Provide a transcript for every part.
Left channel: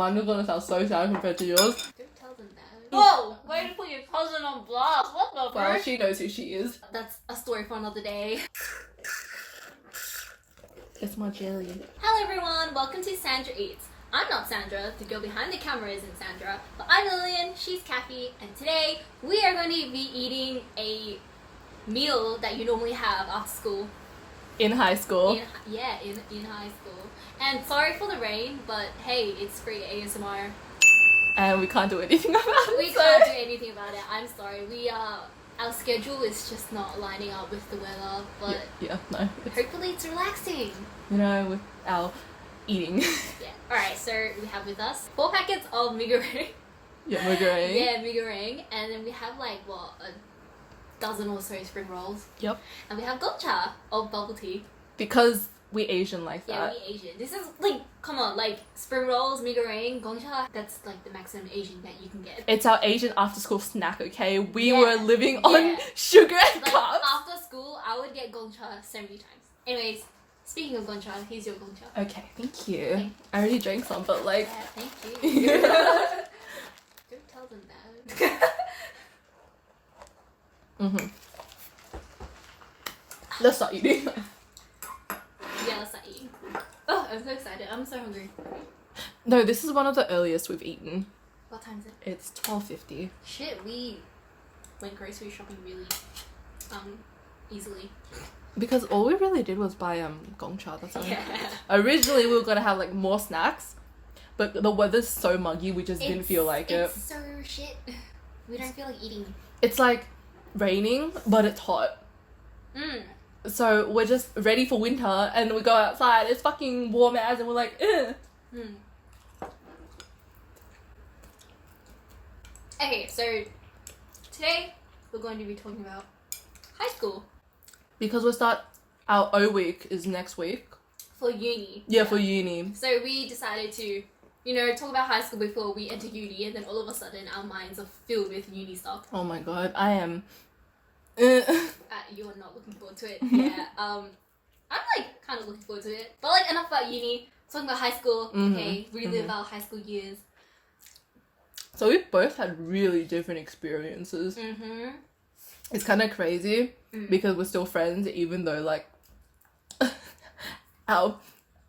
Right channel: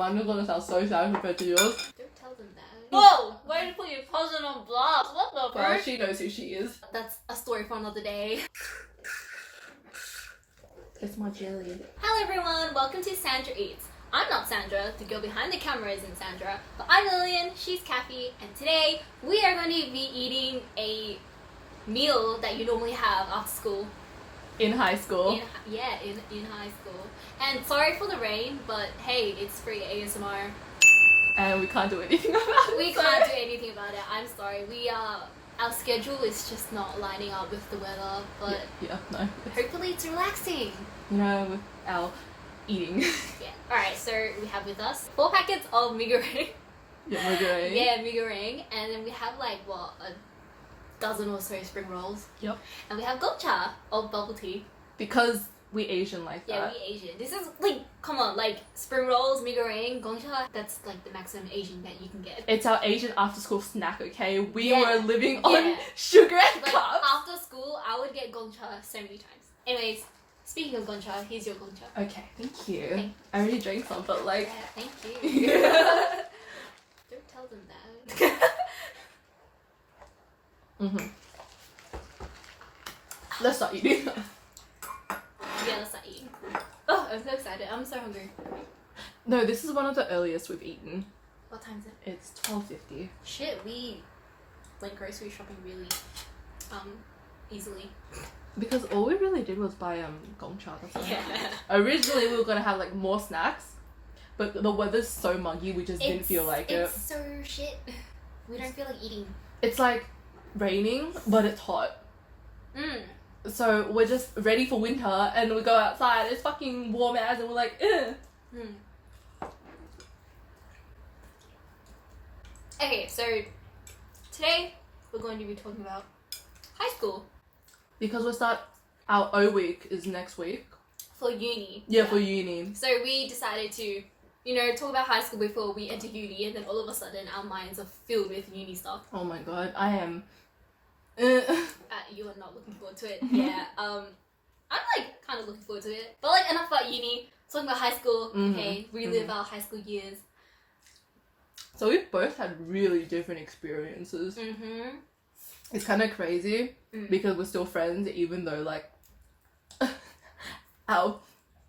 mine is gonna sound so sad compared to yours. Don't tell them that. Whoa! Why did you put your cousin on blast? What the Girl, fuck? she knows who she is. That's a story for another day. It's my jelly. Hello everyone, welcome to SandraEats. I'm not Sandra, the girl behind the camera isn't Sandra, but I'm Lillian, she's Kathy, and today we are going to be eating a meal that you normally have after school. In high school. In high school. And sorry for the rain, but hey, it's free ASMR. And we can't do anything about it. We can't do anything about it, I'm sorry. Our schedule is just not lining up with the weather, but no. hopefully it's relaxing. You know, with our eating. Yeah. Alright, so we have with us 4 packets of Mi Goreng. Yeah, Mi Goreng. Yeah, Mi Goreng. And then we have like, what, a dozen or so spring rolls. Yep. And we have gongcha of bubble tea. Because we Asian like that. Yeah, we Asian. This is like, come on, like spring rolls, Mi Goreng, gongcha. That's like the maximum Asian that you can get. It's our Asian after school snack, okay? We Yeah. were living on sugar and Like carbs. after school, I would get gongcha so many times. Anyways, speaking of gongcha, here's your gongcha. Okay, thank you. Thanks. I already drank some, but like... Yeah, thank you. Don't tell them that. Let's start eating. Yeah, let's start eating. Oh, I'm so excited. I'm so hungry. No, this is one of the earliest we've eaten. What time is it? It's 12:50. Shit, we went grocery shopping really easily. Because all we really did was buy gongcha. That's all. Yeah. Originally we were gonna have like more snacks, but the weather's so muggy we just didn't feel like it. It's so shit. We don't feel like eating. It's like raining, but it's hot. So we're just ready for winter, and we go outside. It's fucking warm as, and we're like, ugh. Okay, so today we're going to be talking about high school. Because our O week is next week. For uni. Yeah, for uni. So we decided to, you know, talk about high school before we enter uni, and then all of a sudden our minds are filled with uni stuff. Oh my god, I am. You are not looking forward to it. Yeah. I'm like kind of looking forward to it. But like enough about uni. Talking about high school. Okay, relive our high school years. So we both had really different experiences. It's kind of crazy because we're still friends, even though like our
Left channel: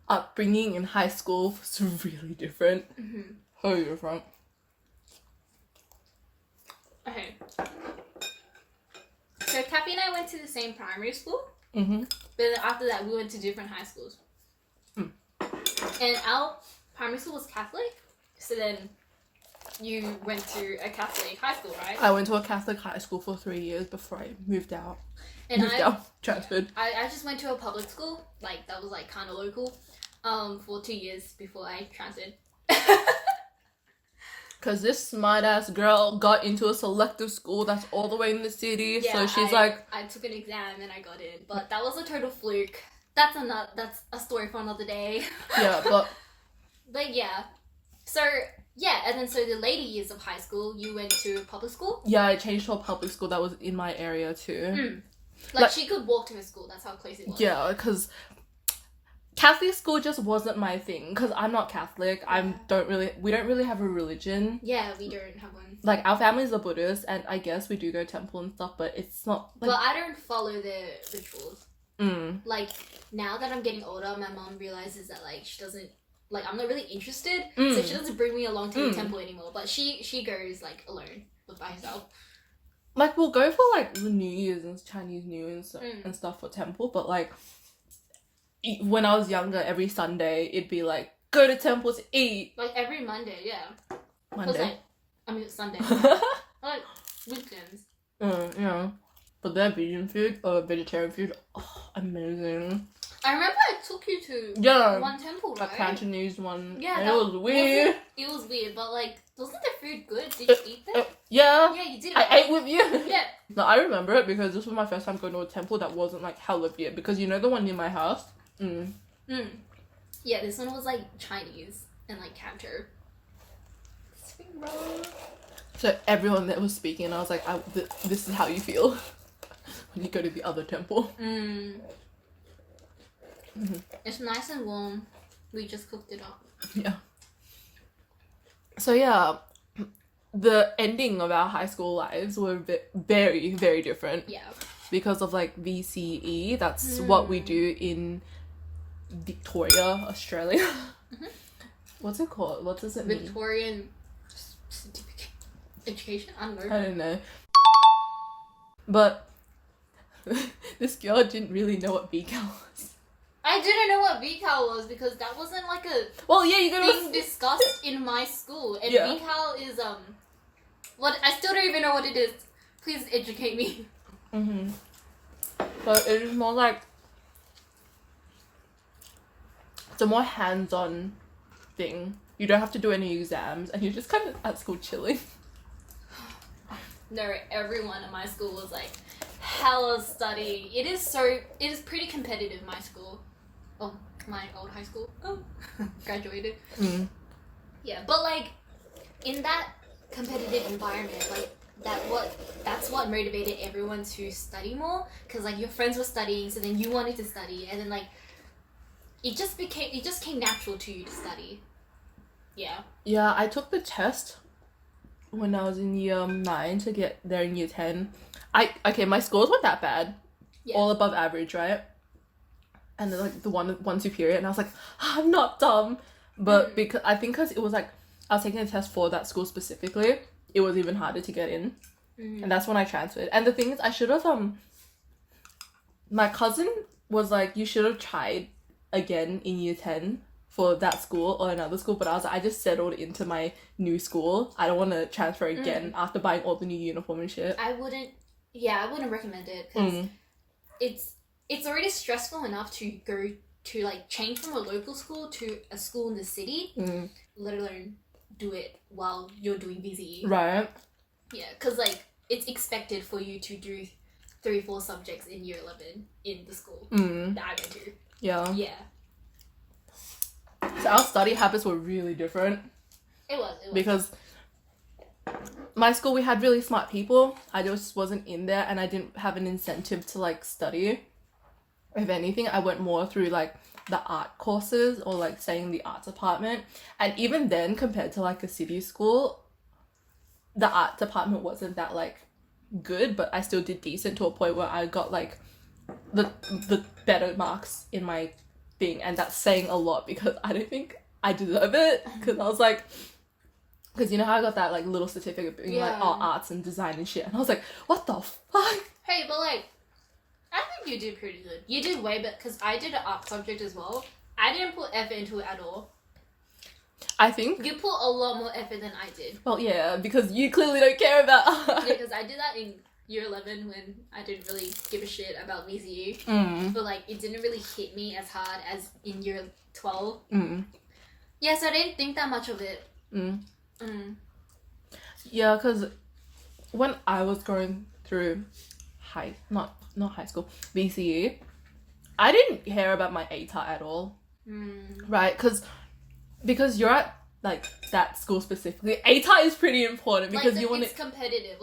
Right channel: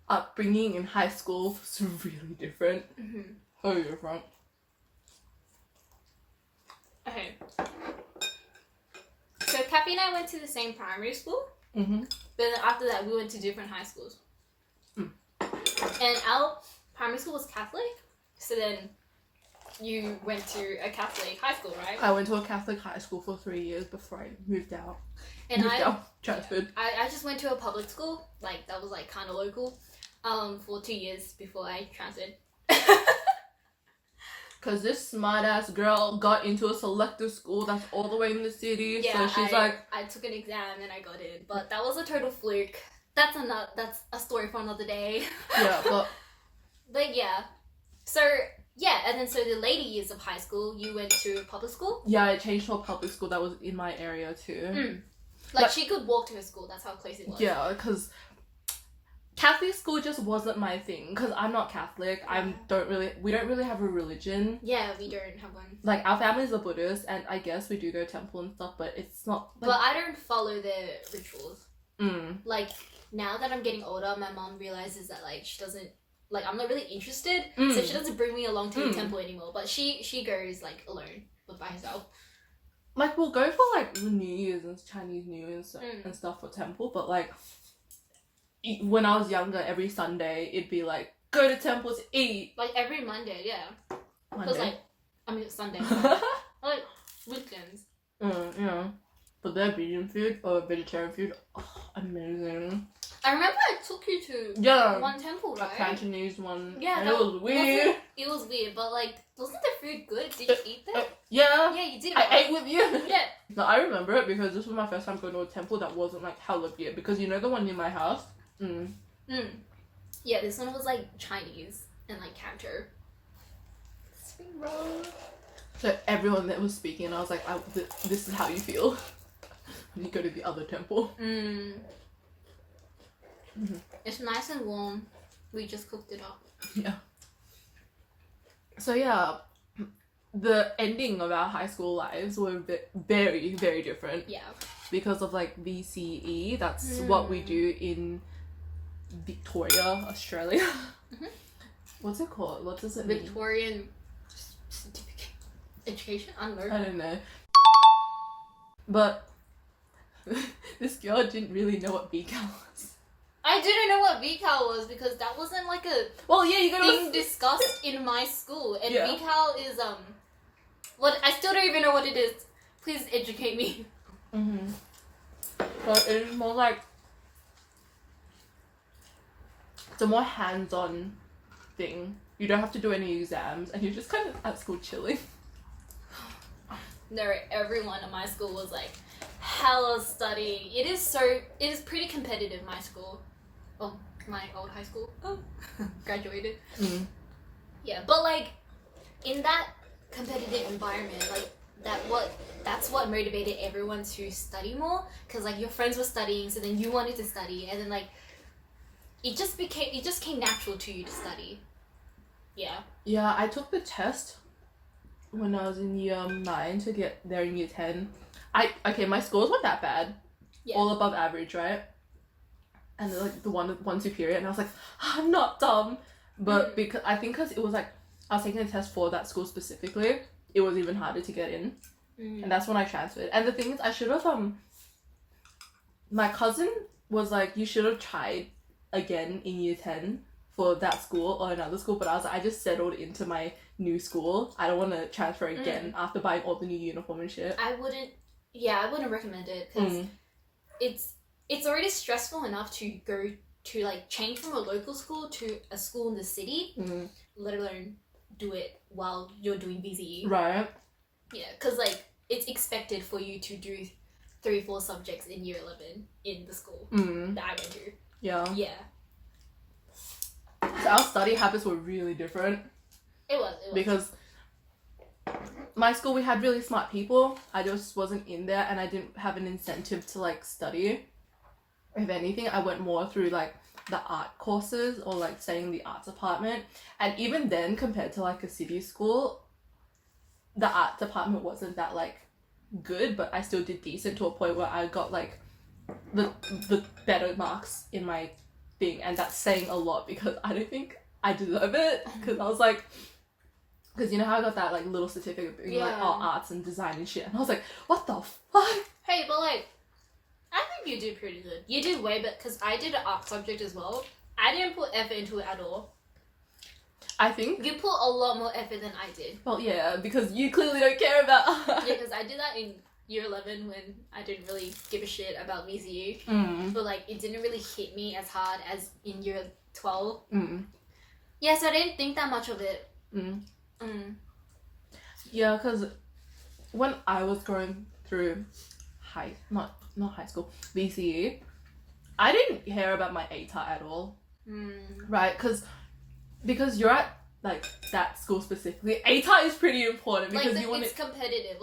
upbringing in high school was really different. So different. Okay. So Kathy and I went to the same primary school, but then after that we went to different high schools. And our primary school was Catholic, so then you went to a Catholic high school, right? I went to a Catholic high school for 3 years before I moved out. And Transferred. I just went to a public school, like that was like kind of local, for 2 years before I transferred. Because this smart ass girl got into a selective school that's all the way in the city. Yeah, so she's like, I took an exam and I got in, but that was a total fluke. That's a story for another day. yeah, But yeah, so yeah, and then so the later years of high school, you went to public school. Yeah, I changed to a public school that was in my area too. Like she could walk to her school. That's how close it was. Yeah, because Catholic school just wasn't my thing. Because I'm not Catholic. We don't really have a religion. Yeah, we don't have one. Like our family's are Buddhist, and I guess we do go to temple and stuff, but it's not. Like... But I don't follow the rituals. Like now that I'm getting older, my mom realizes that like she doesn't. Like, I'm not really interested, so she doesn't bring me along to the temple anymore. But she goes, like, alone, but by herself. Like, we'll go for, like, the New Year's and Chinese New Year's and stuff for temple. But, like, when I was younger, every Sunday, it'd be, like, go to temple to eat. Like, every Monday, yeah. Monday? Like, I mean, Sunday. Like, weekends. Yeah. But their vegan food, or vegetarian food, amazing. I remember I took you to one temple, right? A Cantonese one. Yeah, and it was weird. It was weird, but like, wasn't the food good? Did you eat there? Yeah. Yeah, you did. I ate with you. Yeah. No, I remember it because this was my first time going to a temple that wasn't like hella weird. Because you know the one near my house? Yeah, this one was like Chinese and like Canto. Spring roll. So everyone that was speaking, I was like, this is how you feel when you go to the other temple. It's nice and warm. We just cooked it up. Yeah. So yeah, the ending of our high school lives were very, very different. Yeah. Because of like VCE, that's what we do in Victoria, Australia. Mm-hmm. What's it called? What does it mean? Victorian certificate education? I don't know. But this girl didn't really know what VCAL was. I didn't know what VCAL was because that wasn't like a thing discussed in my school. And VCAL is what I still don't even know what it is. Please educate me. Mm-hmm. But it is more like it's a more hands-on thing. You don't have to do any exams, and you're just kind of at school chilling. No, everyone in my school was like hella studying. It is pretty competitive. My school, oh, my old high school. Oh, graduated. Mm. Yeah, but like in that competitive environment, like that's what motivated everyone to study more, because like your friends were studying, so then you wanted to study, and then like it just came natural to you to study. Yeah, I took the test when I was in year 9 to get there in year 10. My scores weren't that bad. All above average, right? And then like the one superior, and I was like, I'm not dumb. But because it was like I was taking a test for that school specifically, it was even harder to get in. And that's when I transferred. And the thing is, I should have my cousin was like, you should have tried again in year 10 for that school or another school, but I was like, I just settled into my new school. I don't want to transfer again after buying all the new uniform and shit. I wouldn't recommend it, because it's already stressful enough to go to like change from a local school to a school in the city, let alone do it while you're doing VCE. Right. Yeah, because like it's expected for you to do 3-4 subjects in year 11 in the school that I went to. Yeah. So our study habits were really different. It was. Because my school, we had really smart people. I just wasn't in there, and I didn't have an incentive to like study. If anything, I went more through like the art courses or like staying in the arts department. And even then, compared to like a city school, the art department wasn't that like good, but I still did decent to a point where I got like the better marks in my thing, and that's saying a lot because I don't think I deserve it, because I was like, because you know how I got that like little certificate being like arts and design and shit, and I was like, what the fuck? Hey, but like I think you did pretty good. You did way better, because I did an art subject as well. I didn't put effort into it at all. I think you put a lot more effort than I did. Well, yeah, because you clearly don't care about art. Yeah, because I did that in year 11 when I didn't really give a shit about VCU. But like it didn't really hit me as hard as in year 12. Yeah, so I didn't think that much of it. Yeah, because when I was going through not high school, VCU, I didn't care about my ATAR at all. Right? Because you're at like that school specifically, ATAR is pretty important, because it's competitive.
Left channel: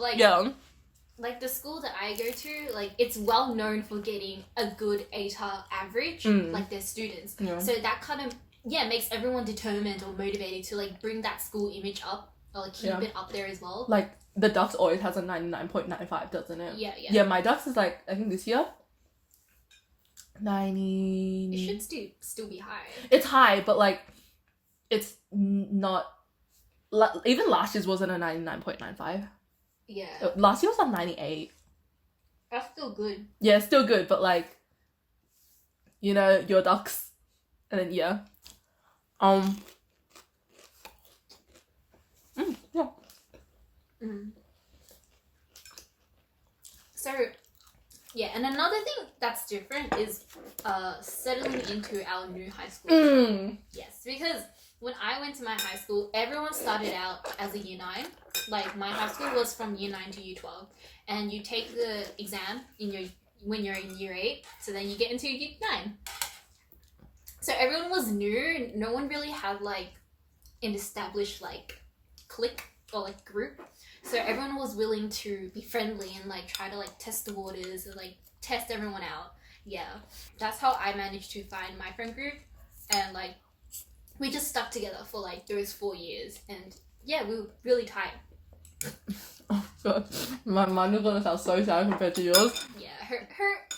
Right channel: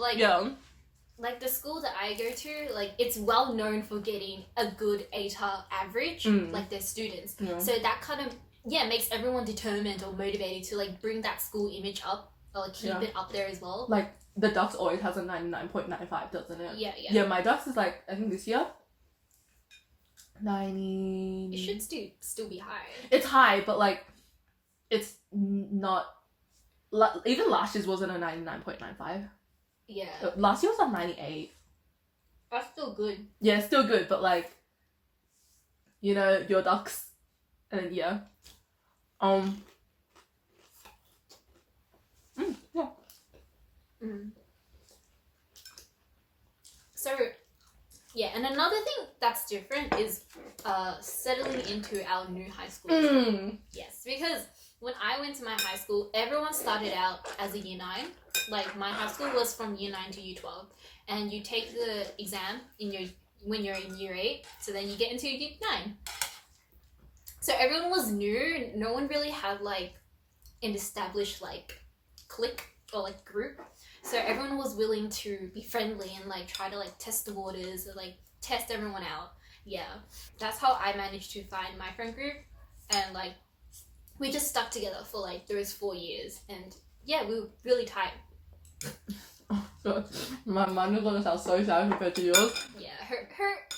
Like the school that I go to, like it's well known for getting a good ATAR average, like their students. So that kind of makes everyone determined or motivated to like bring that school image up, or like keep it up there as well. Like the Dux always has a 99.95, doesn't it? Yeah, my Dux is like, I think this year 90. It should still be high. It's high, but like it's not, even last year's wasn't a 99.95. Yeah. Last year was on 98. That's still good. Yeah, it's still good, but like, you know, your Dux, and then yeah. So, yeah, and another thing that's different is settling into our new high school. Yes, because when I went to my high school, everyone started out as a year 9. Like my high school was from year 9 to year 12, and you take the exam when you're in year 8, so then you get into year 9. So everyone was new. No one really had like an established like clique or like group. So everyone was willing to be friendly and like try to like test the waters and like test everyone out. Yeah, that's how I managed to find my friend group, and like we just stuck together for like those 4 years, and Yeah, we were really tight. Oh god, mine is gonna sound so sad compared to yours. Yeah,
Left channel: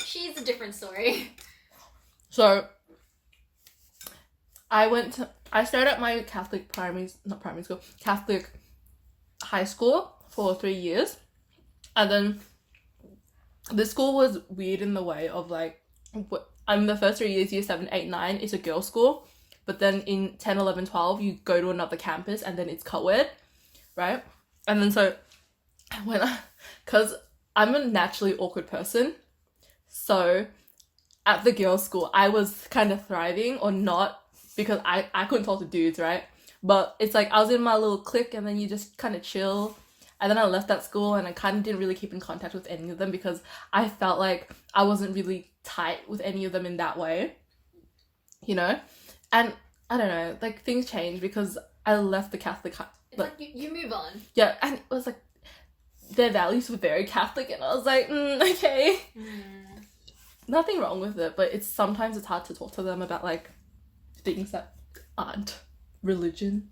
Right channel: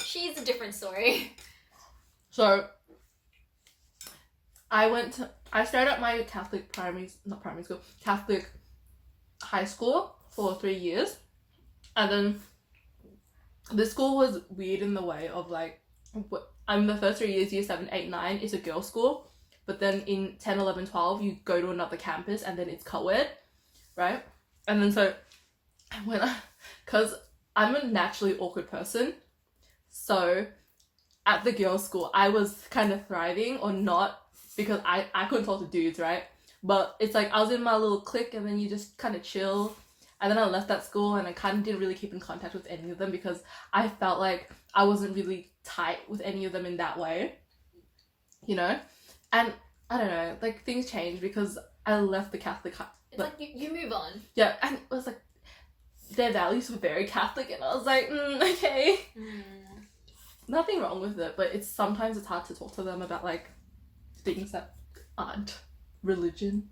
she's a different story. So, I started my Catholic Catholic high school for 3 years. And then the school was weird in the way of like, the first 3 years, year 7, 8, 9 is a girls' school. But then in 10, 11, 12, you go to another campus and then it's co-ed, right? And then so, because I'm a naturally awkward person, so at the girls' school, I was kind of thriving or not because I couldn't talk to dudes, right? But it's like I was in my little clique and then you just kind of chill. And then I left that school and I kind of didn't really keep in contact with any of them because I felt like I wasn't really tight with any of them in that way, you know? And I don't know, like things changed because I left the Catholic. It's like you move on. Yeah, and it was like their values were very Catholic and I was like, okay. Nothing wrong with it, but sometimes it's hard to talk to them about like things that aren't religion,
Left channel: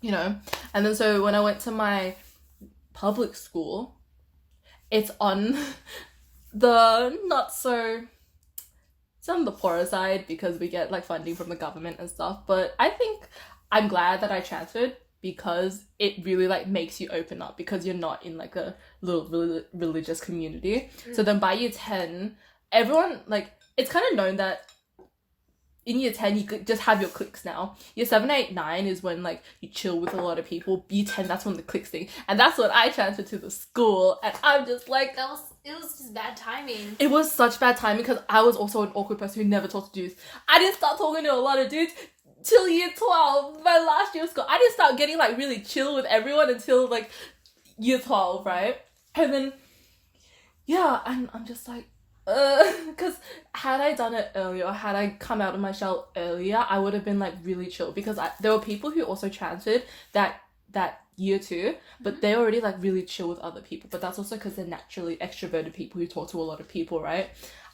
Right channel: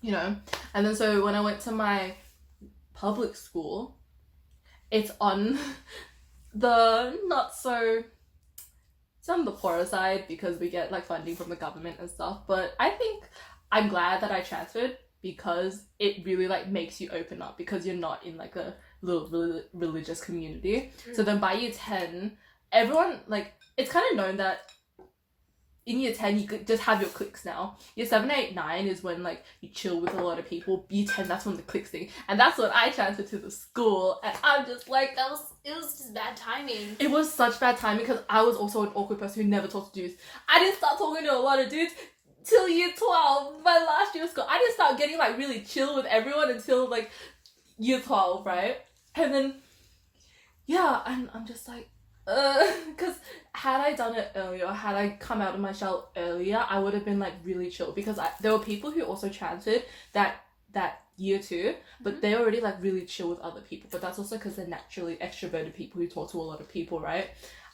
you know? And then so when I went to my public school, it's on the it's on the poorer side because we get like funding from the government and stuff, but I think I'm glad that I transferred because it really like makes you open up because you're not in like a little religious community. So then by year 10, everyone, like, it's kind of known that in year 10 you could just have your cliques now. Year 7, 8, 9 is when like you chill with a lot of people. Year 10, that's when the cliques thing, and that's when I transferred to the school, and I'm just like, it was just bad timing. It was such bad timing because I was also an awkward person who never talked to dudes. I didn't start talking to a lot of dudes till year 12, my last year of school. I didn't start getting like really chill with everyone until like year 12, right? And then yeah, I'm just like, because had I done it earlier, had I come out of my shell earlier, I would have been like really chill because there were people who also transferred that year too, but they're already like really chill with other people, but that's also because they're naturally extroverted people who talk to a lot of people, right?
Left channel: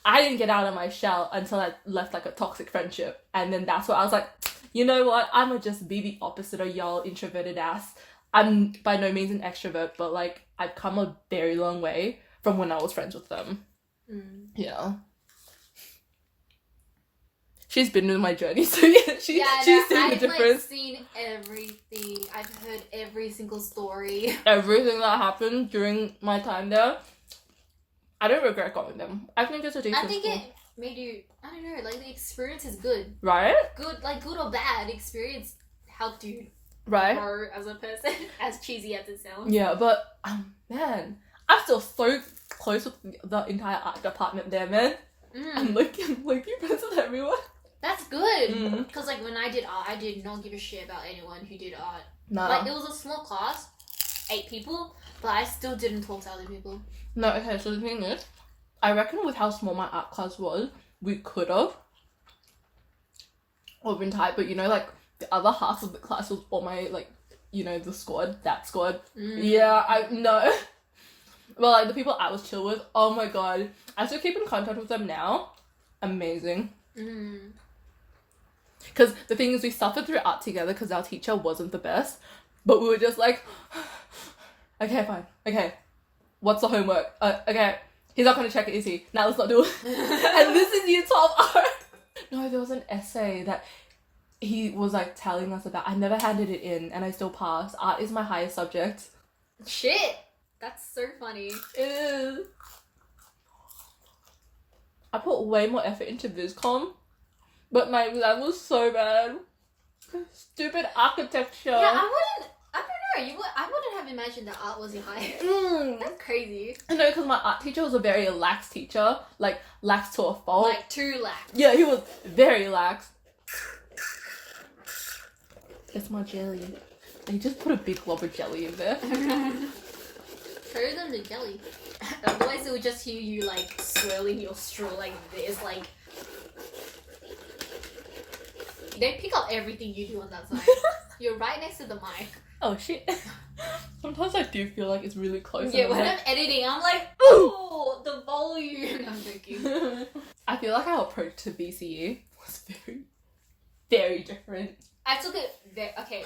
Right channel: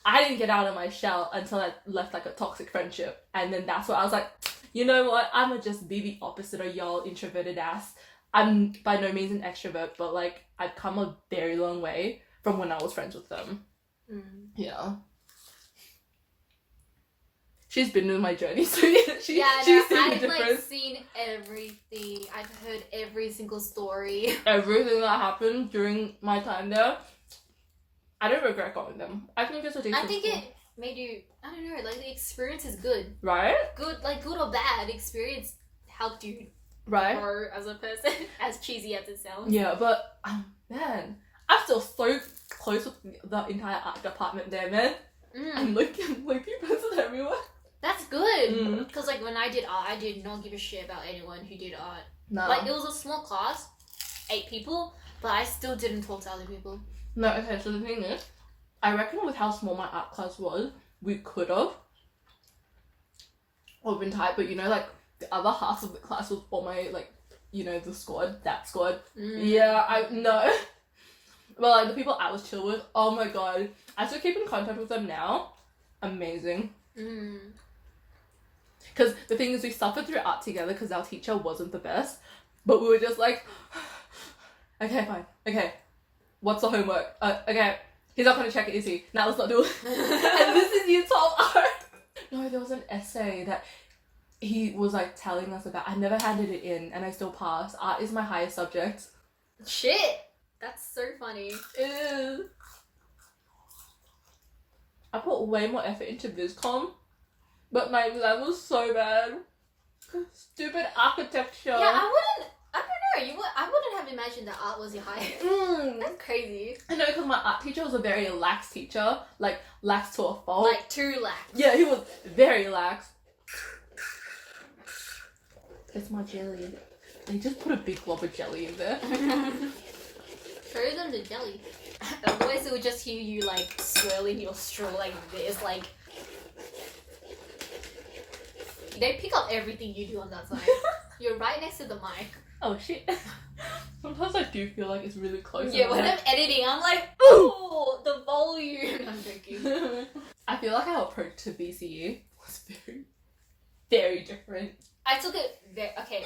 I didn't get out of my shell until I left like a toxic friendship, and then that's where I was like, you know what, I'ma just be the opposite of y'all introverted ass. I'm by no means an extrovert, but like I've come a very long way from when I was friends with them. Yeah. She's been in my journey, so yeah, she's seen the difference. I've like seen everything. I've heard every single story. Everything that happened during my time there. I don't regret going them. I think it's a decent school. It made you, I don't know, like the experience is good. Right? Good, like good or bad, experience helped you grow as a person, as cheesy as it sounds. Yeah, but man, I'm still so close with the entire art department there, man. I'm like friends with everyone. That's good. Because like when I did art, I did not give a shit about anyone who did art. No. Like it was a small class, 8 people, but I still didn't talk to other people. No, okay, so the thing is, I reckon with how small my art class was, we could have all been tight, but you know, like the other half of the class was all my like, you know, that squad. Yeah, I know. Well, like the people I was chill with, oh my god, I still keep in contact with them now. Amazing. Because the thing is, we suffered through art together because our teacher wasn't the best, but we were just like, okay, fine, okay, what's the homework? Okay, he's not gonna check it, is he? Now let's not do it. And this is year 12 art. No, there was an essay that he was like telling us about. I never handed it in and I still passed. Art is my highest subject. Shit! That's so funny. It is. I put way more effort into VisCom, but my exam was so bad. Stupid architecture. Yeah, I don't know. I wouldn't have imagined that art was your highest. That's crazy. I know, because my art teacher was a very lax teacher, like lax to a fault. Like too lax. Yeah, he was very lax. It's my jelly. They just put a big glob of jelly in there. Show them the jelly. Otherwise, it would just hear you like swirling your straw like this, like. They pick up everything you do on that side. You're right next to the mic. Oh shit. Sometimes I do feel like it's really close. Yeah, when I'm editing, I'm like, oh, the volume. I'm joking. I feel like our approach to VCE was very, very different. I took it okay.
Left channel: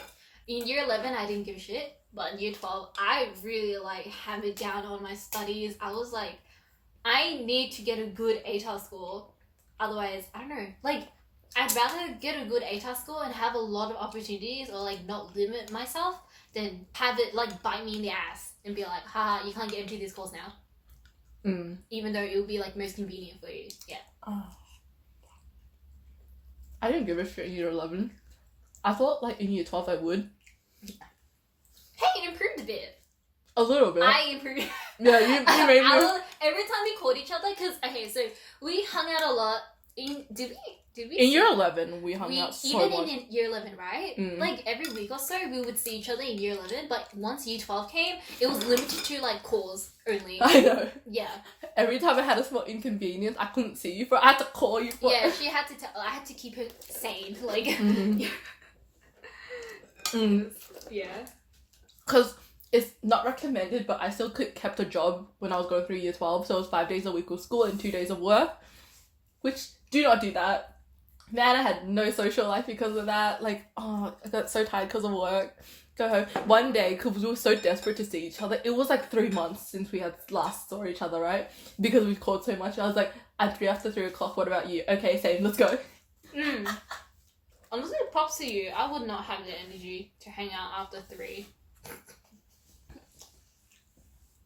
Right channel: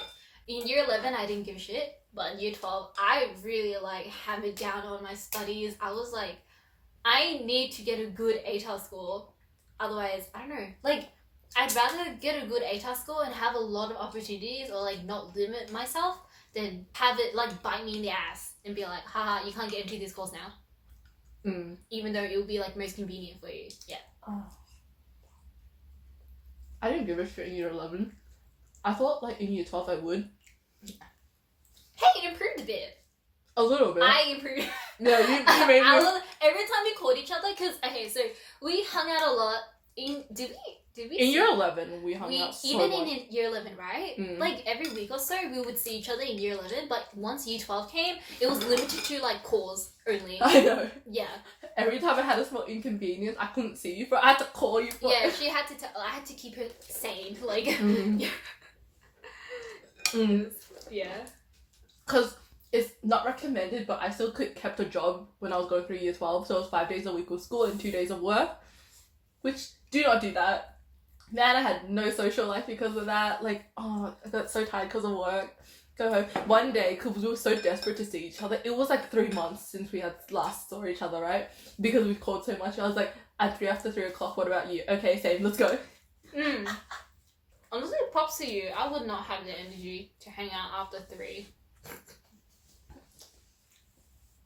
in year 11, I didn't give a shit. But in year 12, I really, like, hammered down on my studies. I was like, I need to get a good ATAR score. Otherwise, I don't know. Like, I'd rather get a good ATAR score and have a lot of opportunities or, like, not limit myself than have it, like, bite me in the ass and be like, haha, you can't get into this course now. Even though it would be, like, most convenient for you. Yeah. I didn't give a shit in year 11. I thought, like, in year 12 I would. Hey, it improved a bit. A little bit. I improved. Yeah, you made me. Every time we called each other, because, okay, so we hung out a lot did we in year 11, we hung out so even much. in year 11, right? Like, every week or so, we would see each other in year 11, but once year 12 came, it was limited to, like, calls only. I know. Yeah. Every time I had a small inconvenience, I couldn't see you, but I had to call you. Yeah, she had to I had to keep her sane, like... Yeah. Because it's not recommended, but I still kept a job when I was going through year 12, so it was 5 days a week of school and 2 days of work, which, do not do that. Man, I had no social life because of that. Like, oh, I got so tired because of work. Go home. One day, because we were so desperate to see each other, it was like 3 months since we had last saw each other, right? Because we've called so much. I was like, after 3 o'clock, what about you? Okay, same, let's go. Honestly, props to you. I would not have the energy to hang out after 3.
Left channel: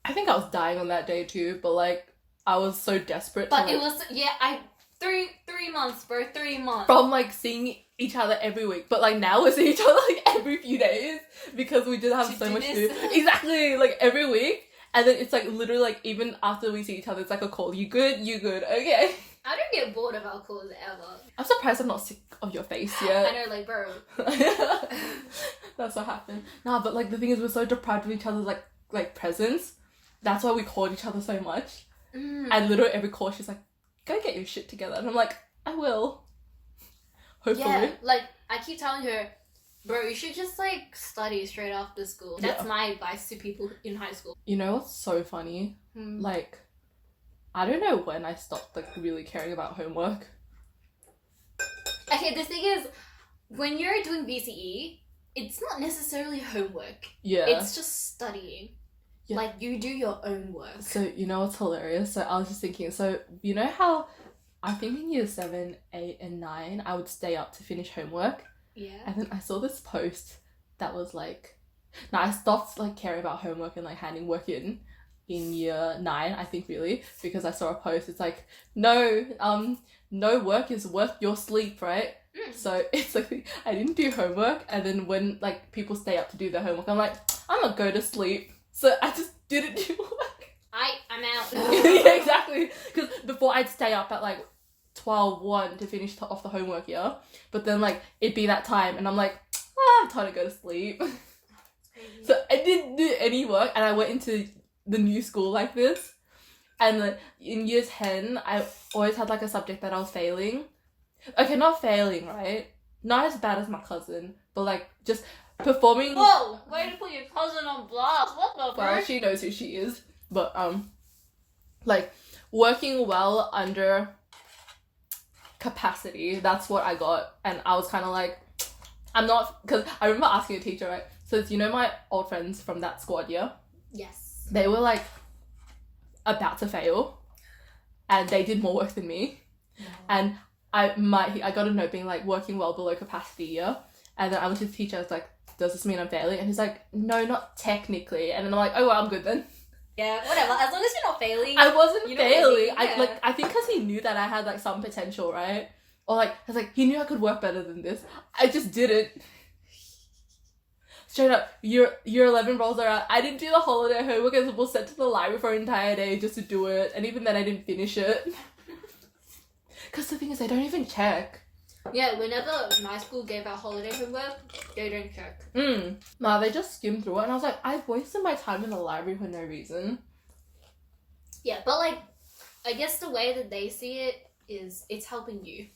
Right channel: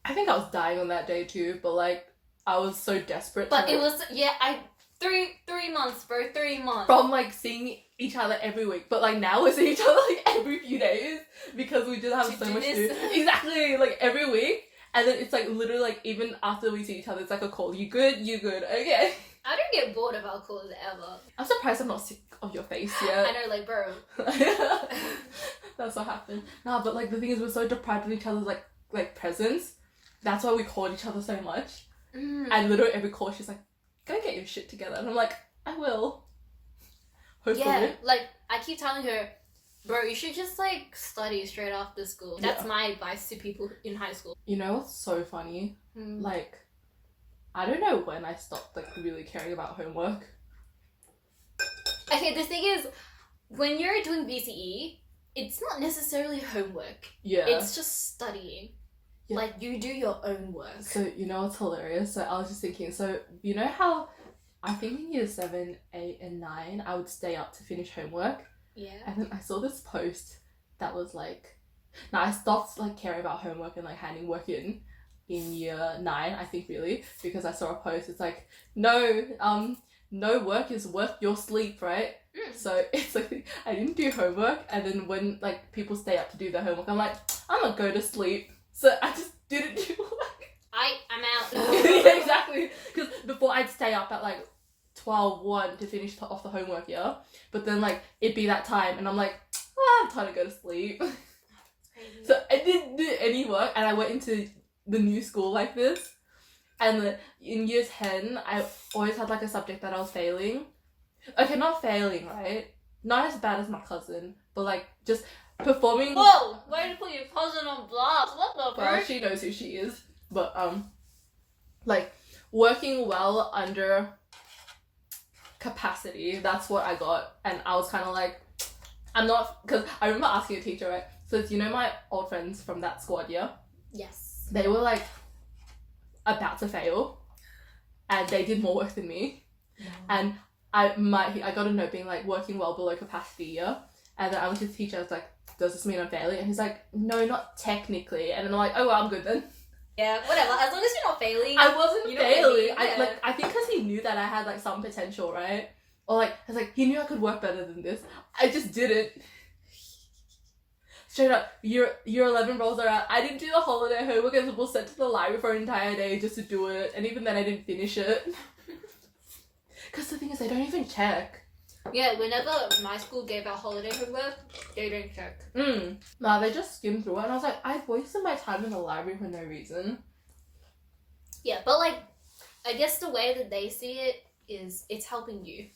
I think I was dying on that day too, but like, I was so desperate. But it was, 3 months, bro, 3 months. From like seeing each other every week, but like now we're seeing each other like every few days because we did have so much to do. Exactly, like every week. And then it's like literally like even after we see each other, it's like a call. You good? You good? Okay. I don't get bored of our calls ever. I'm surprised I'm not sick of your face yet. I know, like, bro. That's what happened. No, but like the thing is, we're so deprived of each other's like presence. That's why we called each other so much. And literally every call, she's like, "Go get your shit together," and I'm like, "I will." Hopefully. Yeah, like I keep telling her, bro, you should just like study straight after school. That's my advice to people in high school. You know what's so funny? Like, I don't know when I stopped like really caring about homework. Okay, the thing is, when you're doing VCE, it's not necessarily homework. Yeah. It's just studying. Yeah. Like, you do your own work. So, you know what's hilarious? So, I was just thinking, so, you know how I think in year 7, 8, and 9, I would stay up to finish homework? Yeah. And then I saw this post that was like... Now, I stopped, like, caring about homework and, like, handing work in year 9, I think, really, because I saw a post. It's like, no work is worth your sleep, right? So, it's like, I didn't do homework, and then when, like, people stay up to do their homework, I'm like, I'm gonna go to sleep. So I just didn't do work. I'm out. Yeah, exactly. Because before I'd stay up at like 12:01 to finish off the homework, yeah. But then like it'd be that time, and I'm like, I'm time to go to sleep. Crazy. So I didn't do any work, and I went into the new school like this. And in year 10, I always had like a subject that I was failing. Okay, not failing, right? Not as bad as my cousin, but like just performing. Whoa! Why did you put your cousin on blast? What the fuck? Well, she knows who she is. But like working well under capacity. That's what I got, and I was kind of like, I'm not, because I remember asking a teacher, right? So you know my old friends from that squad, yeah? Yes. They were like about to fail, and they did more work than me, and I got a note being like working well below capacity, yeah. And then I went to the teacher. I was like, does this mean I'm failing? And he's like, no, not technically. And then I'm like, oh, well, I'm good then. Yeah, whatever. As long as you're not failing. I wasn't failing. Yeah. I think because he knew that I had like some potential, right? Or like, I was like, he knew I could work better than this. I just didn't. Straight up, year 11 rolls around. I didn't do the holiday homework. I was sent to the library for an entire day just to do it. And even then, I didn't finish it. Because the thing is, I don't even check. Yeah, whenever my school gave out holiday homework, they don't check. No, they just skim through it, and I was like, I've wasted my time in the library for no reason. Yeah, but like, I guess the way that they see it is it's helping you.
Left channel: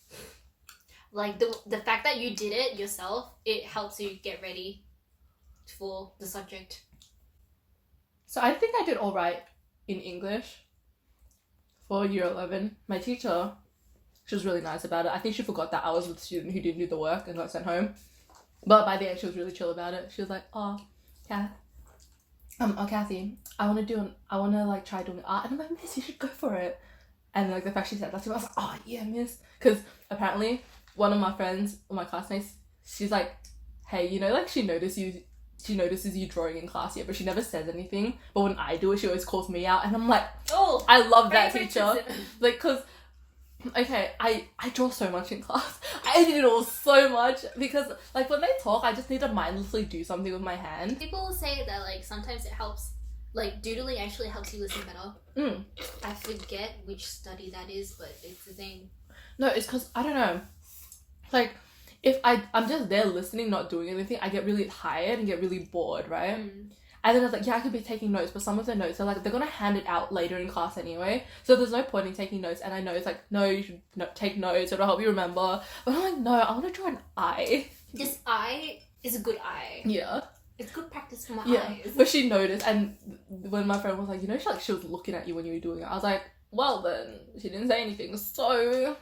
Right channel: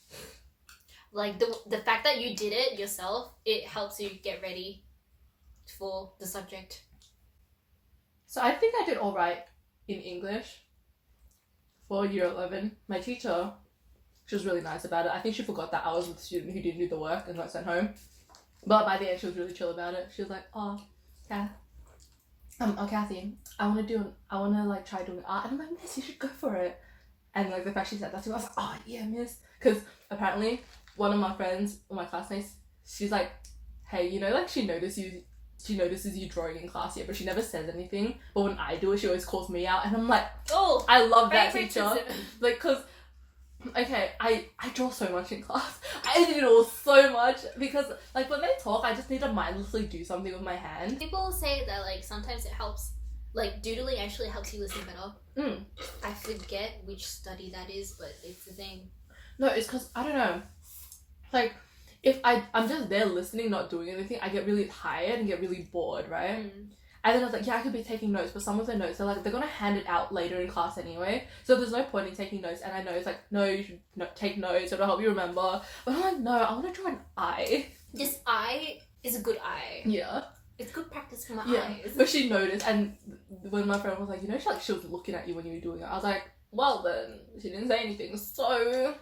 Like, the fact that you did it yourself, it helps you get ready for the subject. So I think I did all right in English for year 11. My teacher... She was really nice about it. I think she forgot that I was the student who didn't do the work and got sent home. But by the end, she was really chill about it. She was like, oh, yeah. Kathy, I want to like try doing art. And I'm like, miss, you should go for it. And like the fact she said that to me, I was like, oh yeah, miss. Because apparently one of my friends, or my classmates, she's like, hey, you know, like she notices you drawing in class, yeah, but she never says anything. But when I do it, she always calls me out. And I'm like, oh, I love that teacher. Like, because, okay, I draw so much in class. I doodle so much because, like, when they talk, I just need to mindlessly do something with my hand. People say that, like, sometimes it helps. Like, doodling actually helps you listen better. I forget which study that is, but it's the thing. No, it's because, I don't know. Like, if I'm just there listening, not doing anything, I get really tired and get really bored, right? And then I was like, yeah, I could be taking notes, but some of the notes are like, they're gonna hand it out later in class anyway, so there's no point in taking notes. And I know it's like, no, you should take notes, it'll help you remember. But I'm like, no, I want to draw an eye. This eye is a good eye. Yeah. It's good practice for my eyes. But she noticed, and when my friend was like, you know, she was looking at you when you were doing it, I was like, well then, she didn't say anything, so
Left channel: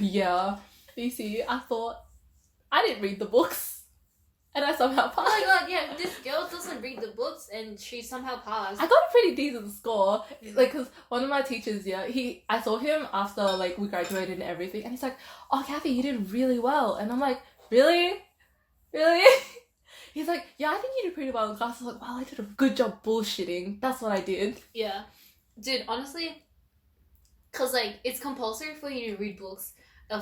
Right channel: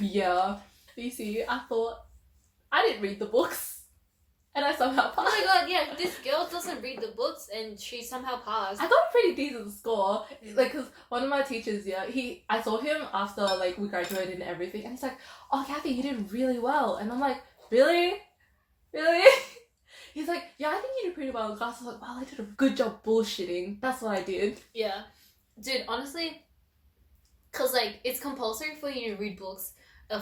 yeah. You see, I thought, I didn't read the books. And I somehow passed. Oh my god, yeah, this girl doesn't read the books and she somehow passed. I got a pretty decent score. Like, because one of my teachers, yeah, I saw him after, like, we graduated and everything, and he's like, oh, Kathy, you did really well. And I'm like, really? Really? He's like, yeah, I think you did pretty well in class. I was like, wow, I did a good job bullshitting. That's what I did. Yeah. Dude, honestly, because, like, it's compulsory for you to read books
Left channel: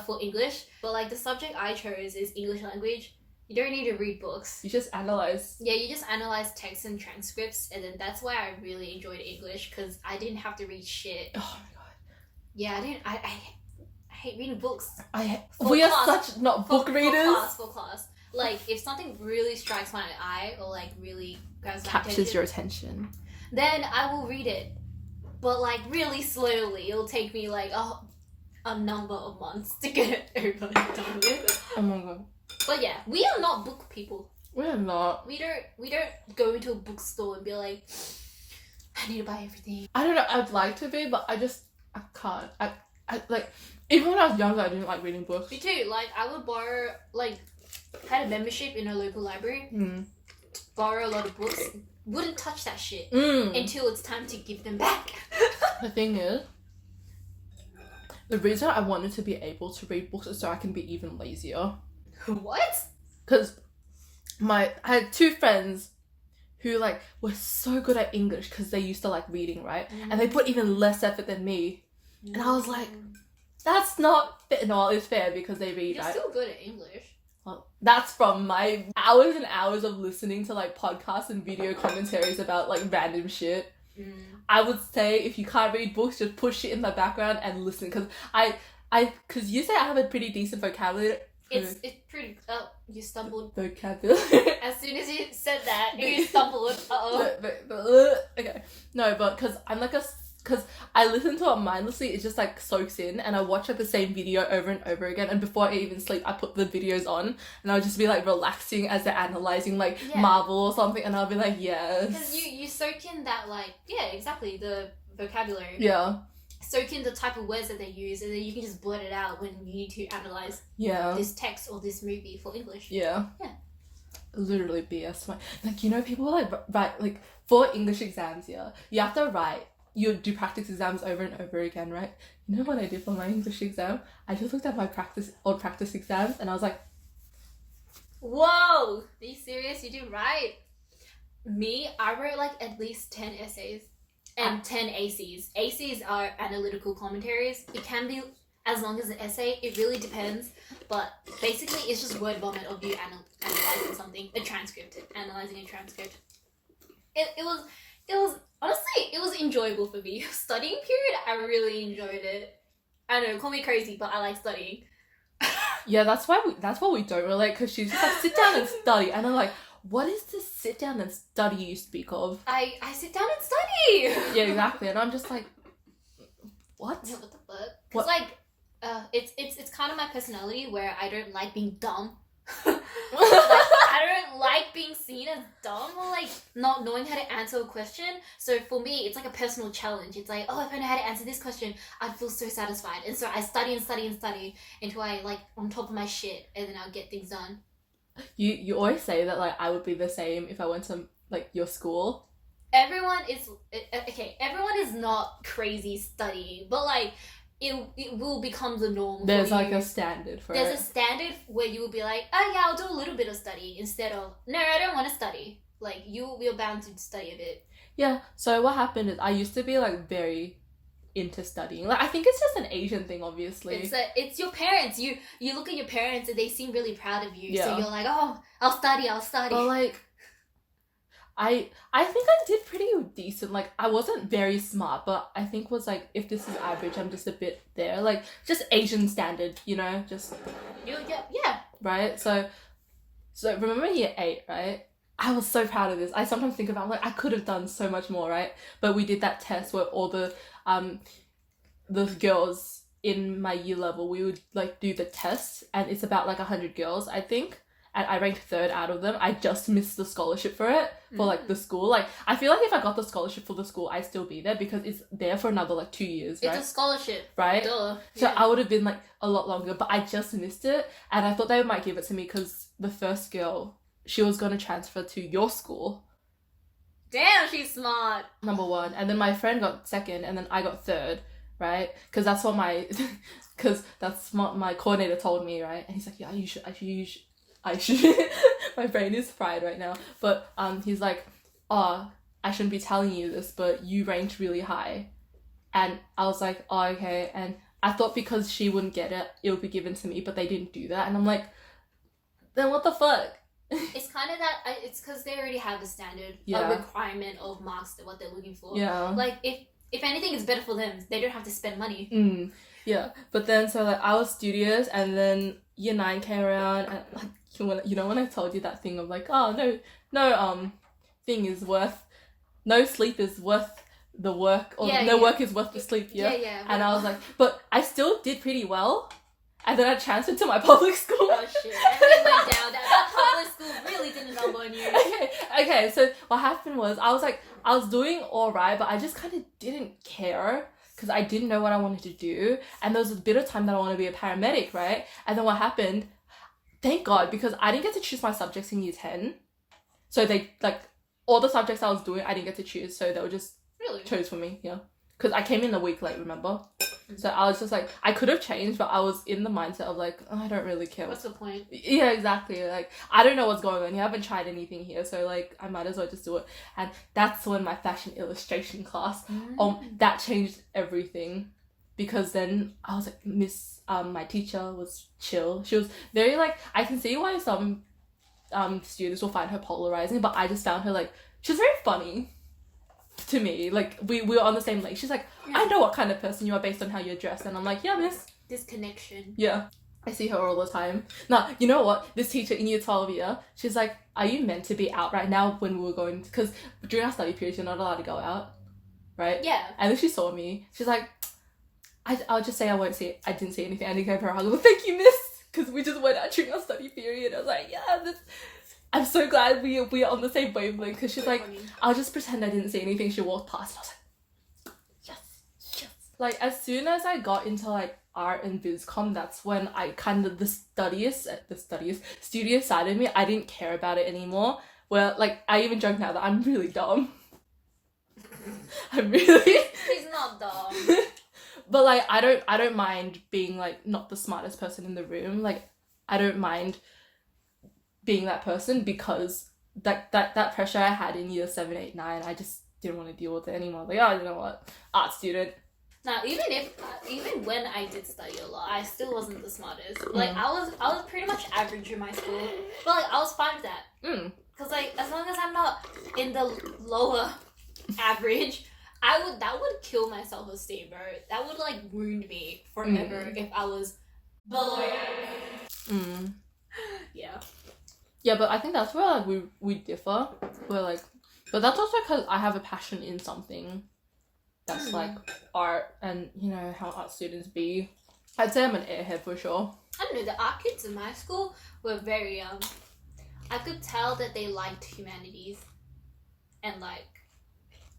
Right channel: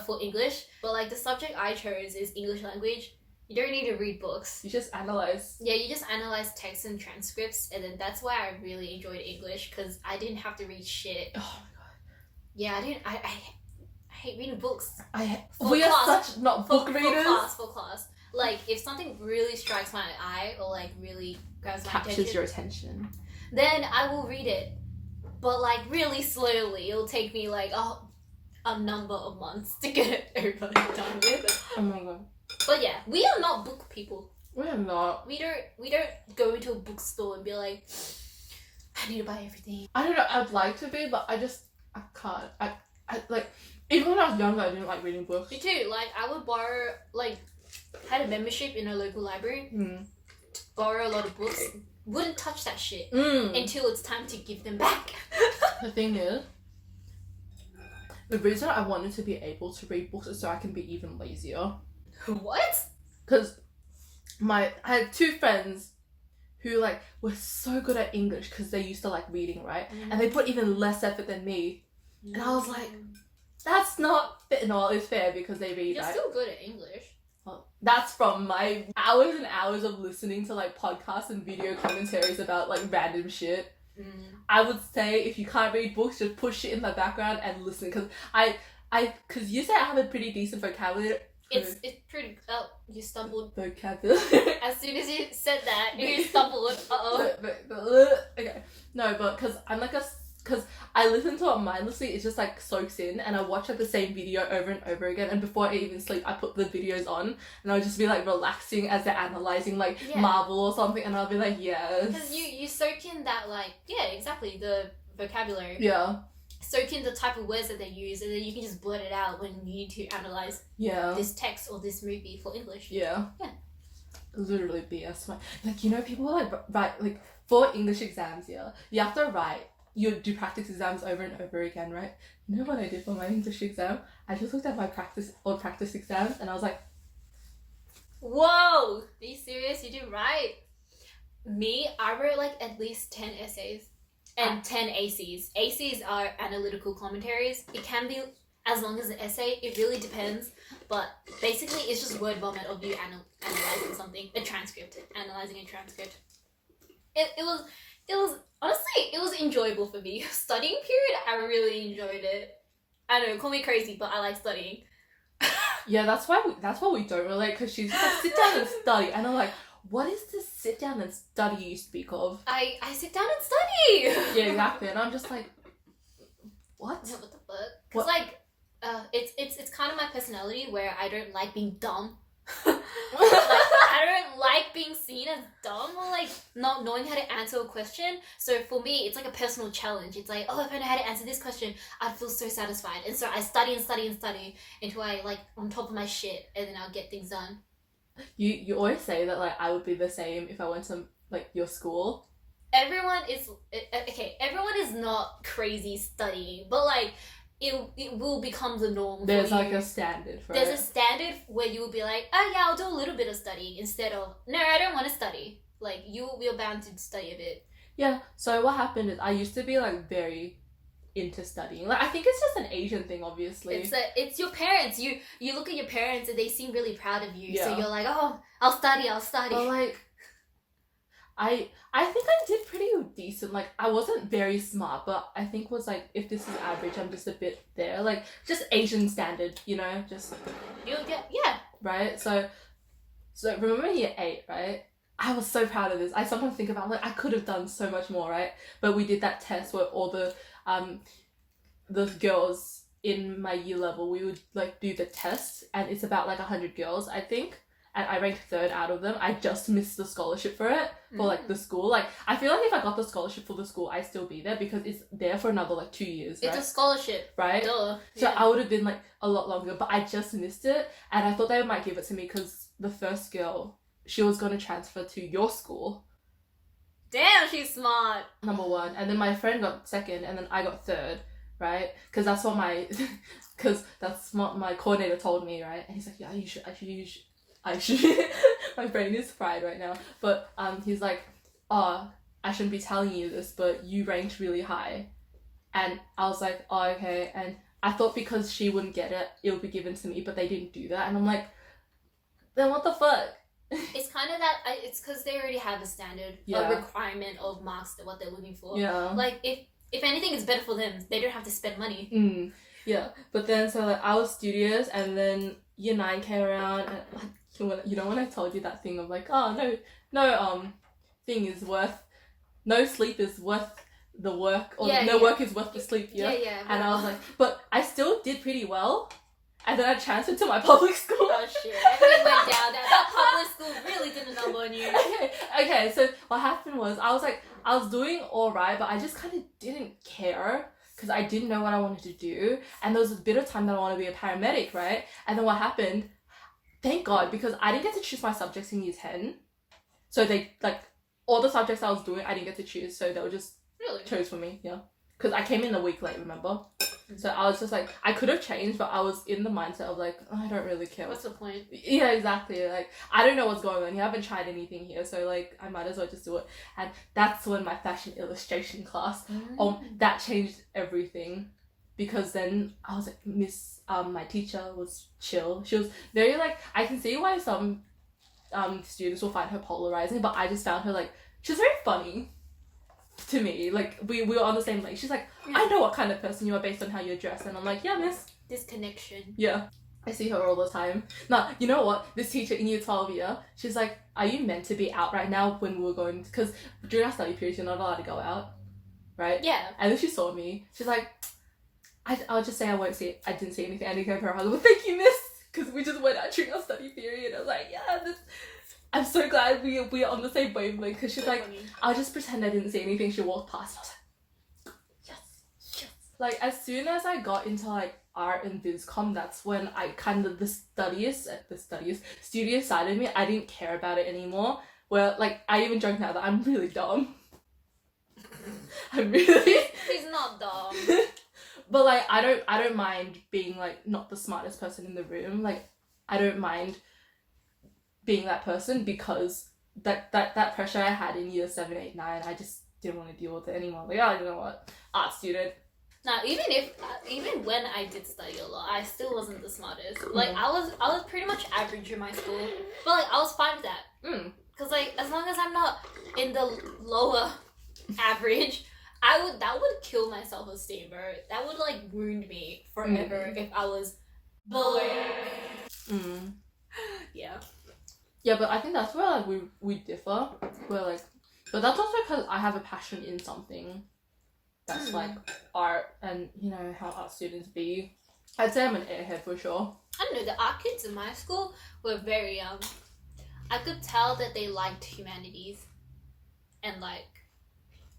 for English, but, like, the subject I chose is English language. You don't need to read books. You just analyze. Yeah, you just analyze texts and transcripts, and then that's why I really enjoyed English, because I didn't have to read shit. Oh my god. Yeah, I hate reading books. We are such not book readers. For class. Like, if something really strikes my eye, or, like, really grabs my attention. Captures your attention. Then I will read it. But, like, really slowly. It'll take me, like, a number of months to get it over and done with. Oh my god. But yeah, we are not book people. We are not. We don't go into a bookstore and be like, I need to buy everything. I don't know, I'd like to be, but I can't. I like, even when I was younger, I didn't like reading books. Me too. Like, I would borrow, like, had a membership in a local library, borrow a lot of books, wouldn't touch that shit until it's time to give them back. The thing is, the reason I wanted to be able to read books is so I can be even lazier. What? Because I had two friends who, like, were so good at English because they used to like reading, right? And they put even less effort than me. And I was like, that's not fair. No, it's fair because they read. You're still good at English. Well, that's from my hours and hours of listening to, like, podcasts and video commentaries about, like, random shit. I would say if you can't read books, just put shit in the background and listen. Because because you say I have a pretty decent vocabulary. It's pretty. Oh, you stumbled. Vocabulary. As soon as you said that, you stumbled. Okay. No, but because I'm like because I listen to it mindlessly, it just, like, soaks in, and I watch, like, the same video over and over again, and before I even sleep, I put the videos on, and I'll just be, like, relaxing as they're analysing, like, Marvel or something, and I'll be like, yes. Because you soak in that, like, yeah, exactly, the vocabulary. Yeah. Soak in the type of words that they use, and then you can just blurt it out when you need to analyse this text or this movie for English. Yeah. Yeah. Literally BS. Like, you know, people, like, write, like, for English exams, you have to write. You do practice exams over and over again, right? You know what I did for my English exam? I just looked at my old practice exams and I was like, whoa! Are you serious? You did right. Me, I wrote, like, at least 10 essays and 10 ACs. ACs are analytical commentaries. It can be as long as an essay. It really depends. But basically, it's just word vomit of you analysing something. A transcript. Analysing a transcript. It was honestly, it was enjoyable for me. Studying period, I really enjoyed it. I know, call me crazy, but I like studying. Yeah, that's why we don't relate, because she's like, sit down and study, and I'm like, what is this sit down and study you speak of? I sit down and study. Yeah, exactly, and I'm just like, what? Yeah, what the fuck? Because, like, it's kind of my personality where I don't like being dumb. Like, I don't like being seen as dumb or like not knowing how to answer a question. So for me, it's like a personal challenge. It's like, oh, if I know how to answer this question, I'd feel so satisfied. And so I study and study and study until I like on top of my shit, and then I'll get things done. You always say that like I would be the same if I went to like your school. Everyone is okay. Everyone is not crazy studying, but like it will become the norm. There's for like you. a standard for There's it. a standard where you will be like, oh yeah, I'll do a little bit of study instead of no, I don't want to study. Like you're bound to study a bit. Yeah. So what happened is I used to be like very into studying. Like I think it's just an Asian thing, obviously. It's your parents. You look at your parents and they seem really proud of you. Yeah. So you're like, oh, I'll study. But like, I think I did pretty decent. Like I wasn't very smart, but I think was like if this is average, I'm just a bit there. Like just Asian standard, you know, just yeah. Right. So remember year 8, right? I was so proud of this. I sometimes think about like I could have done so much more, right? But we did that test where all the girls in my year level, we would like do the test, and it's about like 100 girls, I think. And I ranked 3rd out of them. I just missed the scholarship for it, for like the school. Like I feel like if I got the scholarship for the school, I'd still be there because it's there for another like 2 years. Right? It's a scholarship, right? Duh. So I would have been like a lot longer, but I just missed it, and I thought they might give it to me because the first girl, she was gonna transfer to your school. Damn, she's smart. Number 1, and then my friend got 2nd, and then I got 3rd, right? Because that's what my coordinator told me, right? And he's like, yeah, you should. My brain is fried right now, but he's like, oh, I shouldn't be telling you this, but you ranked really high. And I was like, oh, okay. And I thought because she wouldn't get it, it would be given to me, but they didn't do that. And I'm like, then what the fuck? It's kind of that, it's because they already have a standard, a requirement of marks, what they're looking for. Yeah. Like, if anything is better for them, they don't have to spend money. Yeah. But then, so like, I was studious, and then year 9 came around, and like, you know when I told you that thing of like, oh, no sleep is worth the work, or work is worth the sleep, Yeah. And I was like, but I still did pretty well, and then I transferred to my public school. Oh shit, everything went down. That public school really did a number on you. Okay, so what happened was, I was doing alright, but I just kind of didn't care, because I didn't know what I wanted to do, and there was a bit of time that I wanted to be a paramedic, right? And then what happened, thank God, because I didn't get to choose my subjects in year 10. So they, like, all the subjects I was doing, I didn't get to choose. So they were just chose for me, yeah. Because I came in a week late, remember? So I was just like, I could have changed, but I was in the mindset of like, oh, I don't really care. What's the point? Yeah, exactly. Like, I don't know what's going on. You haven't tried anything here. So like, I might as well just do it. And that's when my fashion illustration class, that changed everything. Because then I was like, my teacher was chill. She was very like, I can see why some students will find her polarizing, but I just found her like, she was very funny to me. Like we were on the same lane. She's like, I know what kind of person you are based on how you're dressed, and I'm like, yeah, miss. This connection. Yeah. I see her all the time. Now, you know what? This teacher in year 12 she's like, are you meant to be out right now when we were going, because during our study period you're not allowed to go out, right? Yeah. And then she saw me. She's like, I'll just say I didn't see anything. I didn't go for her hug. Well, thank you, miss, because we just went out during our study period. I was like, I'm so glad we are on the same wavelength, because she's like, funny. I'll just pretend I didn't see anything. She walked past. I was like, yes. Like, as soon as I got into like art and bizcomm, that's when I kind of, the studious side of me, I didn't care about it anymore. Well, like, I even joke now that I'm really dumb. He's not dumb. But like, I don't mind being like not the smartest person in the room. Like, I don't mind being that person, because that pressure I had in year 7, 8, 9, I just didn't want to deal with it anymore. Like, oh, you know what, art student. Now, even when I did study a lot, I still wasn't the smartest. Like, I was pretty much average in my school, but like I was fine with that. Cause like, as long as I'm not in the lower average, that would kill my self-esteem, bro. That would like wound me forever if I was below average. Yeah. Yeah, but I think that's where like we differ. We're like, but that's also because I have a passion in something that's like art, and you know how art students be. I'd say I'm an airhead for sure. I don't know, the art kids in my school were very I could tell that they liked humanities and like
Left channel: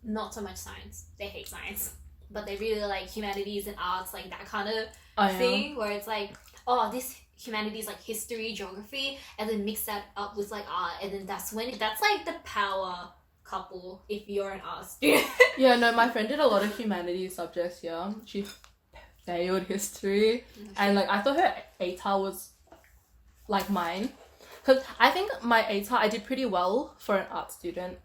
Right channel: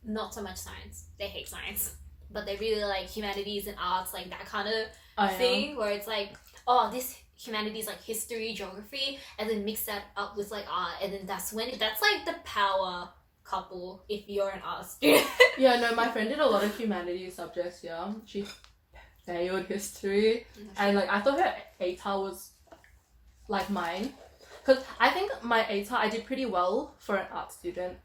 not so much science. They hate science, but they really like humanities and arts, like that kind of thing where it's like, oh, this humanities like history, geography, and then mix that up with like art, and then that's like the power couple if you're an art student. Yeah, no, my friend did a lot of humanities subjects. Yeah, she failed history, and like I thought her ATAR was like mine, because I think my ATAR I did pretty well for an art student.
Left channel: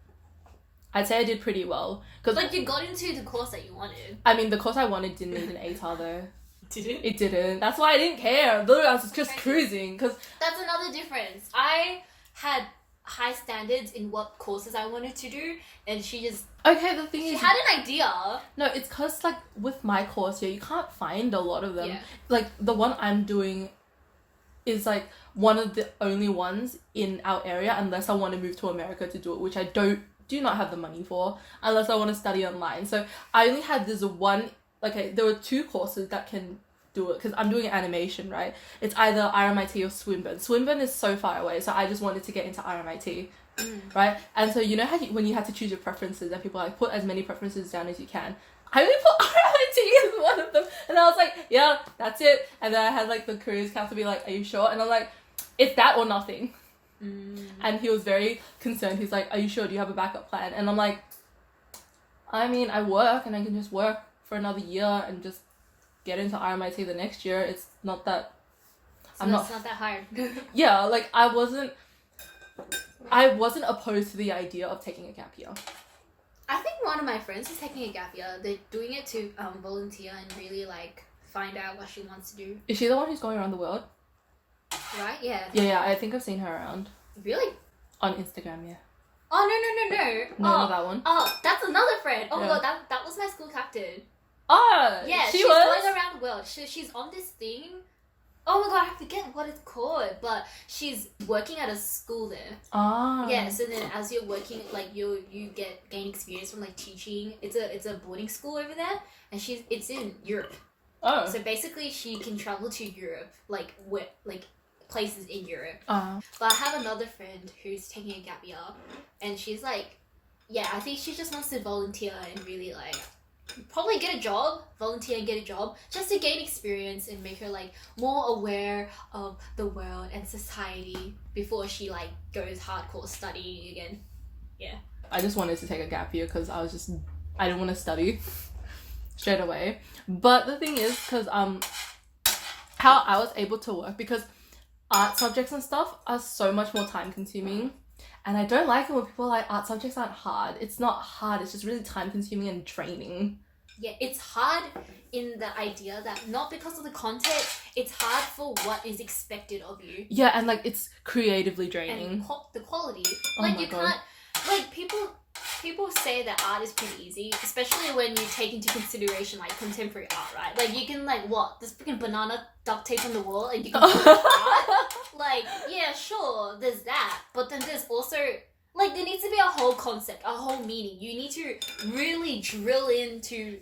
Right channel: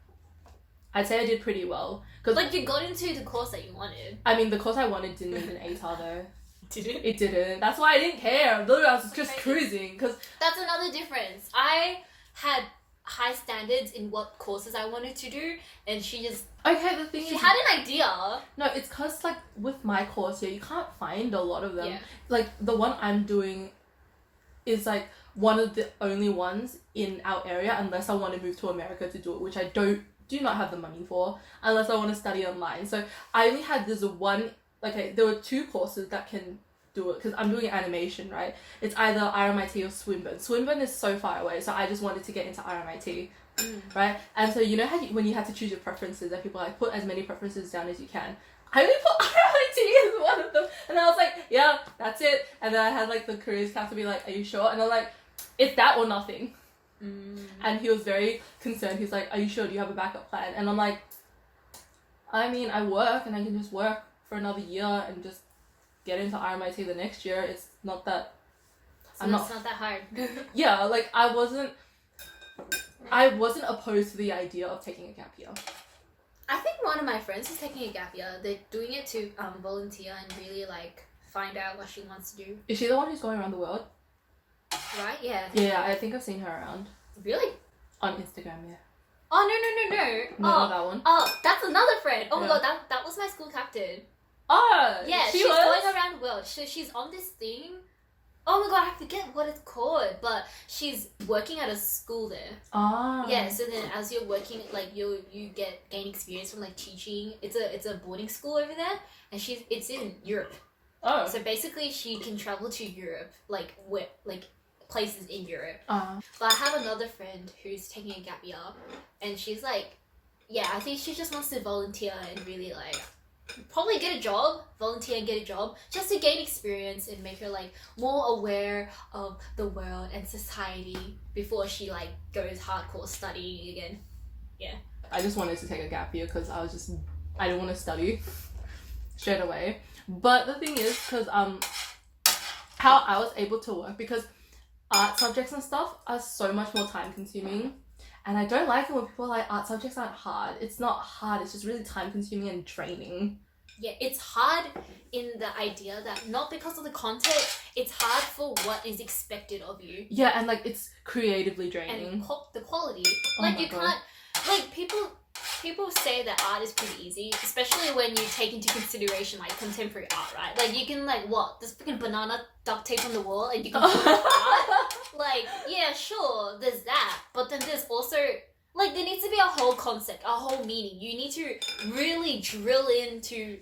I'd say I did pretty well, because like you got into the course that you wanted. I mean, the course I wanted didn't need an ATAR though. Did it? It didn't. That's why I didn't care. Literally, I was just cruising. Cause that's another difference. I had high standards in what courses I wanted to do, and she just the thing is, she had an idea. No, it's cause like with my course here, you can't find a lot of them. Yeah. Like the one I'm doing is like one of the only ones in our area, unless I want to move to America to do it, which I do not have the money for, unless I want to study online. So I only had this one. Okay, there were 2 courses that can do it, because I'm doing animation, right? It's either RMIT or Swinburne. Swinburne is so far away, so I just wanted to get into RMIT, right? And so you know how when you have to choose your preferences, and people are like, put as many preferences down as you can. I only put RMIT as one of them, and I was like, yeah, that's it. And then I had like the careers counselor be like, are you sure? And I'm like, it's that or nothing. And he was very concerned. He's like, are you sure? Do you have a backup plan? And I'm like, I mean, I work, and I can just work for another year and just get into RMIT the next year. It's not that... So it's not that hard. Yeah, like I wasn't opposed to the idea of taking a gap year. I think one of my friends is taking a gap year. They're doing it to volunteer and really like find out what she wants to do. Is she the one who's going around the world? Right? Yeah. Yeah, I think I've seen her around. Really? On Instagram, yeah. Oh, no. No, that one. Oh, that's another friend. Oh my god, that was my school captain. Oh, yeah, she's going around the world. She's on this thing. Oh my god, I forget what it's called, but she's working at a school there. Oh. Yeah, so then as you're working, like you gain experience from like teaching. It's a boarding school over there, and it's in Europe. Oh. So basically, she can travel to Europe, like places in Europe. Uh-huh. But I have another friend who's taking a gap year, and she's like, yeah, I think she just wants to volunteer and really like probably get a job, volunteer and get a job, just to gain experience and make her like more aware of the world and society before she like goes hardcore studying again. Yeah. I just wanted to take a gap year because I didn't want to study straight away. But the thing is, because how I was able to work, because art subjects and stuff are so much more time consuming. And I don't like it when people are like, art subjects aren't hard. It's not hard, it's just really time consuming and draining. Yeah, it's hard in the idea that not because of the content, it's hard for what is expected of you. Yeah, and like it's creatively draining. And the quality. Oh like you God. can't, like people say that art is pretty easy, especially when you take into consideration like contemporary art, right? Like you can like there's freaking banana duct tape on the wall and you can do art. Like, yeah, sure, there's that. But then there's also like there needs to be a whole concept, a whole meaning. You need to really drill into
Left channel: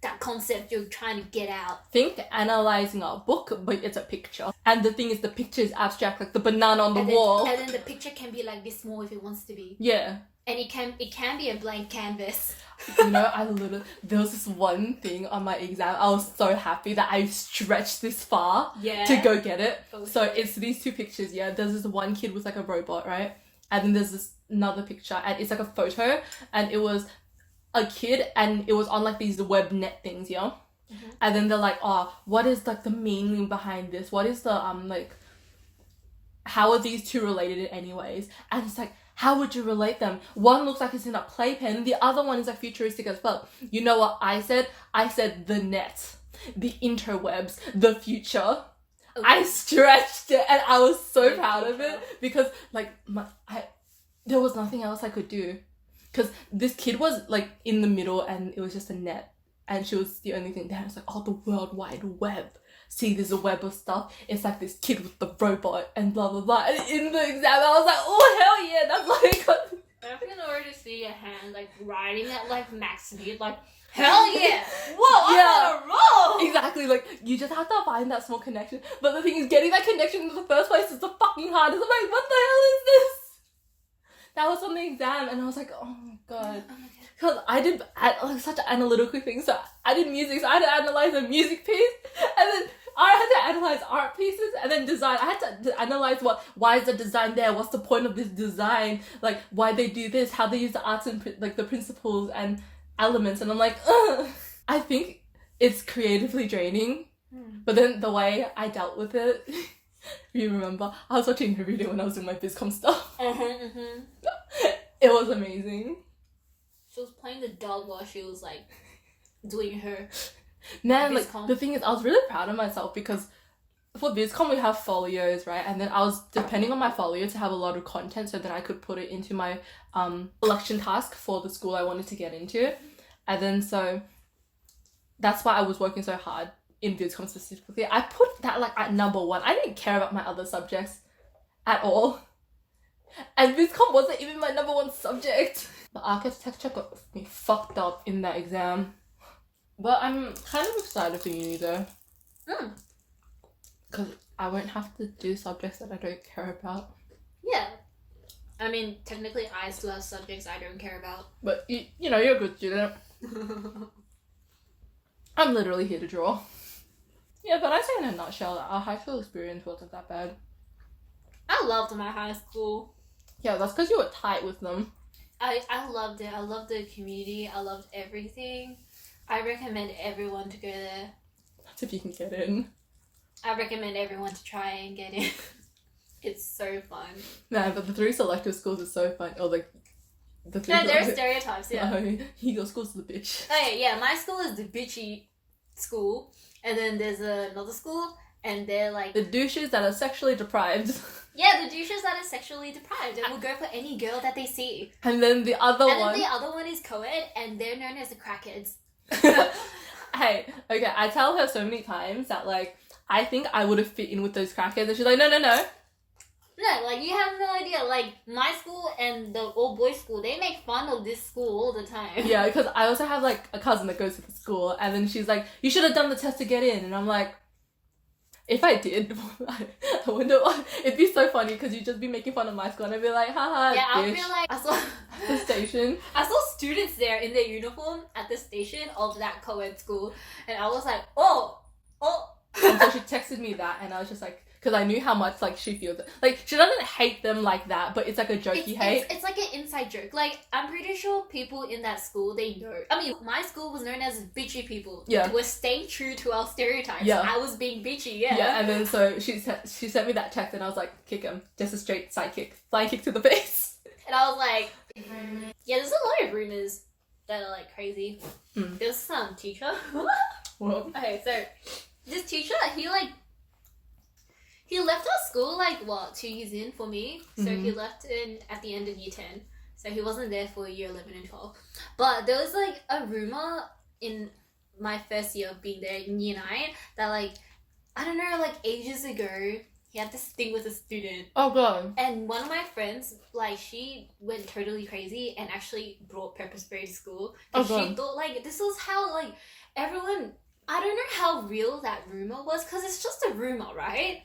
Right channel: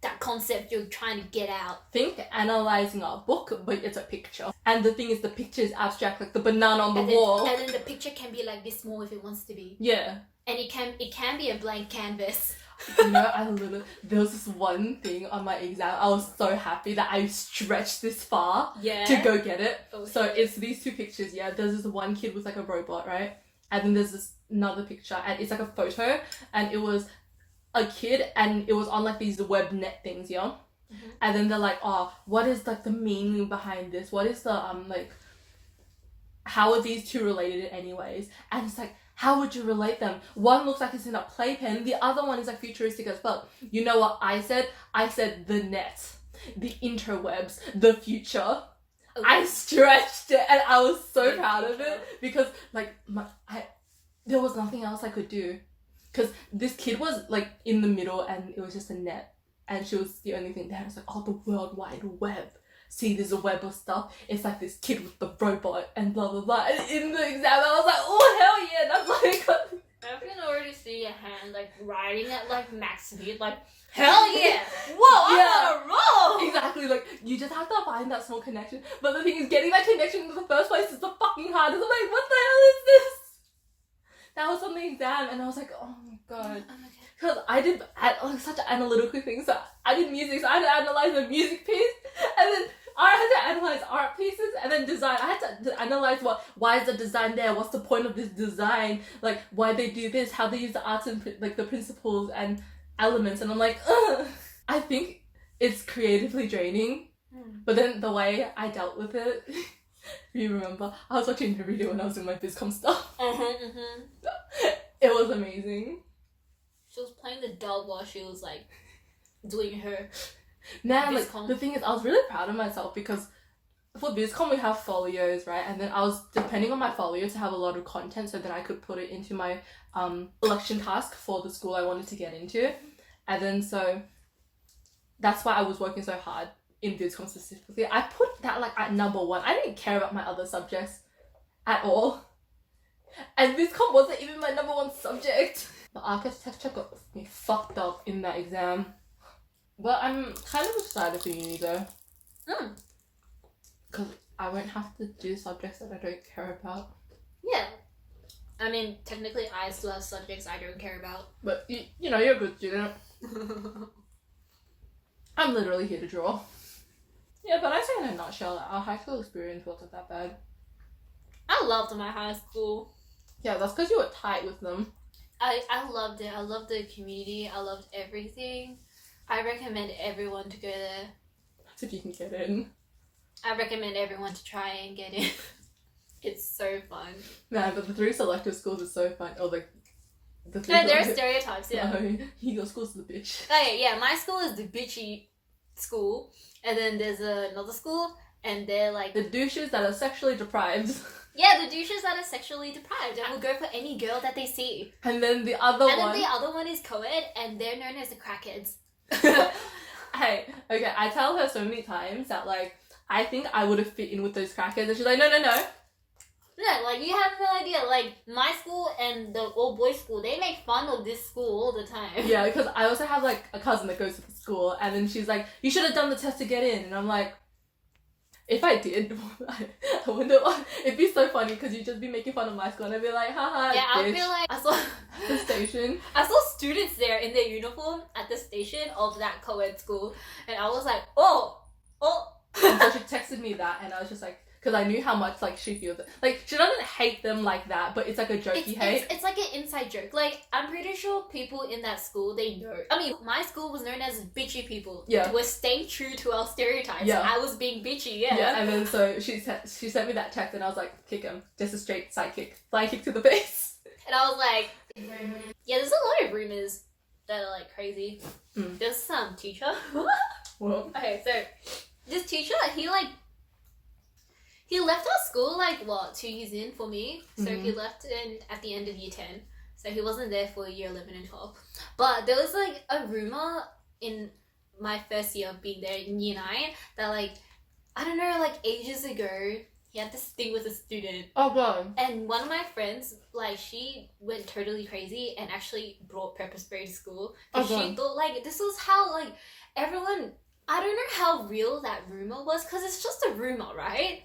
that concept you're trying to get out. Think analyzing a book, but it's a picture. And the thing is, the picture is abstract, like the banana on the wall. And then the picture can be like this small if it wants to be. Yeah. And it can be a blank canvas. You know, there was this one thing on my exam. I was so happy that I stretched this far to go get it. Oh, so shit. it's these 2 pictures, yeah. There's this one kid with like a robot, right? And then there's this another picture, and it's like a photo, and it was a kid, and it was on like these web net things, yeah. Mm-hmm. And then they're like, oh, what is like the meaning behind this? What is the like? How are these 2 related anyways? And it's like, how would you relate them? One looks like it's in a playpen. The other one is like futuristic as fuck. You know what I said? I said the net, the interwebs, the future. Okay. I stretched it, and I was so proud of it because like there was nothing else I could do. Because this kid was like in the middle, and it was just a net, and she was the only thing there. It's like, oh, the World Wide Web. See, there's a web of stuff. It's like this kid with the robot and blah blah blah. And in the exam, I was like, oh hell yeah, that's like. I can already see your hand like riding at like max speed, like hell yeah, whoa, I'm on a roll. Exactly, like you just have to find that small connection. But the thing is, getting that connection in the first place is the fucking hardest. I'm like, what the hell is this? us on the exam, and I was like, oh my god. Oh my god. Because I did like such analytical things, so I did music, so I had to analyze a music piece, and then I had to analyze art pieces, and then design. I had to analyze why is the design there, what's the point of this design, like why they do this, how they use the arts and like the principles and elements, and I'm like, ugh. I think it's creatively draining, but then the way I dealt with it, you remember, I was watching the video when I was in my BizCom stuff. It was amazing. She was playing the dog while she was like doing her Man, like BizCom. the thing is, I was really proud of myself because for BizCom we have folios, right? And then I was depending on my folio to have a lot of content so that I could put it into my election task for the school I wanted to get into. And then so that's why I was working so hard in BizCom specifically. I put that like at number 1. I didn't care about my other subjects at all. And BizCom wasn't even my number 1 subject. The architecture got me fucked up in that exam. But I'm kind of excited for uni though. Because I won't have to do subjects that I don't care about. Yeah. I mean, technically I still have subjects I don't care about. But you know, you're a good student. I'm literally here to draw. Yeah, but I say in a nutshell, our high school experience wasn't that bad. I loved my high school. Yeah, that's because you were tight with them. I loved it. I loved the community. I loved everything. I recommend everyone to go there. That's if you can get in. I recommend everyone to try and get in. It's so fun. Nah, but the 3 selective schools are so fun. Or like the 3 No, there are stereotypes, yeah. No, your school's the bitch. Okay, yeah, my school is the bitchy school. And then there's another school, and they're like... The douches that are sexually deprived. Yeah, the douches that are sexually deprived and will go for any girl that they see. And then the other one... And then the other one is co-ed, and they're known as the crackheads. Hey, okay, I tell her so many times that, like, I think I would have fit in with those crackheads, and she's like, no. No, like, you have no idea. Like, my school and the all-boys school, they make fun of this school all the time. Yeah, because I also have, like, a cousin that goes to the school, and then she's like, you should have done the test to get in, and I'm like, if I did, I wonder what... It'd be so funny, because you'd just be making fun of my school, and I'd be like, haha, Yeah, I bitch. feel like I saw... The station. I saw students there in their uniform at the station of that co-ed school, and I was like, oh. And so she texted me that, and I was just like, because I knew how much like she feels it. Like she doesn't hate them like that, but it's like a jokey hate. It's like an inside joke. Like I'm pretty sure people in that school they know. I mean, my school was known as bitchy people. Yeah, we're staying true to our stereotypes. Yeah, I was being bitchy. Yeah. Yeah, and then so she sent me that text, and I was like, kick him, just a straight side kick, flying kick to the face. And I was like, yeah, there's a lot of rumors that are like crazy. There's some teacher. What? Okay, so this teacher, he left our school like 2 years in for me. So he left at the end of year 10. So he wasn't there for year 11 and 12. But there was like a rumor in my first year of being there in year 9 that like, I don't know, like ages ago, he had this thing with a student. Oh god. And one of my friends, like she went totally crazy and actually brought pepper spray to school. Because she thought like, this was how like everyone, I don't know how real that rumor was because it's just a rumor, right?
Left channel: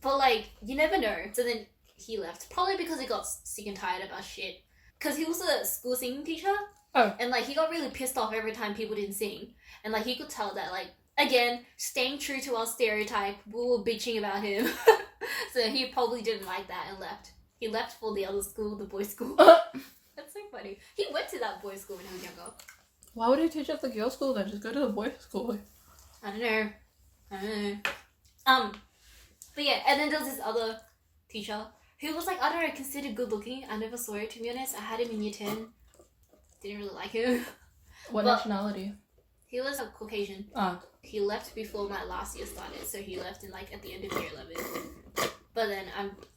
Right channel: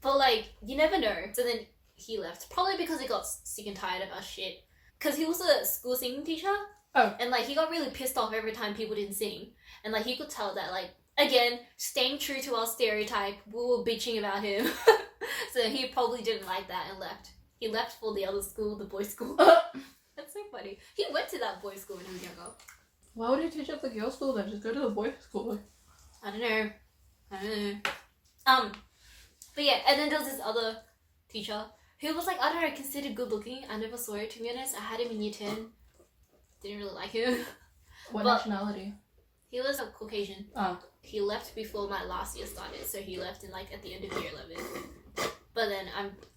But like, you never know. So then he left. Probably because he got sick and tired of our shit. Because he was a school singing teacher. Oh. And like, he got really pissed off every time people didn't sing. And like, he could tell that like, again, staying true to our stereotype, we were bitching about him. So he probably didn't like that and left. He left for the other school, the boys' school. That's so funny. He went to that boys' school when he was younger. Why would he teach at the girls' school then? Just go to the boys' school. I don't know. But yeah, and then there was this other teacher who was like, I don't know, considered good looking. I never saw it, to be honest. I had him in year 10. Didn't really like him. What nationality? He was a Caucasian. Oh. He left before my last year started, so he left in like at the end of year 11. But then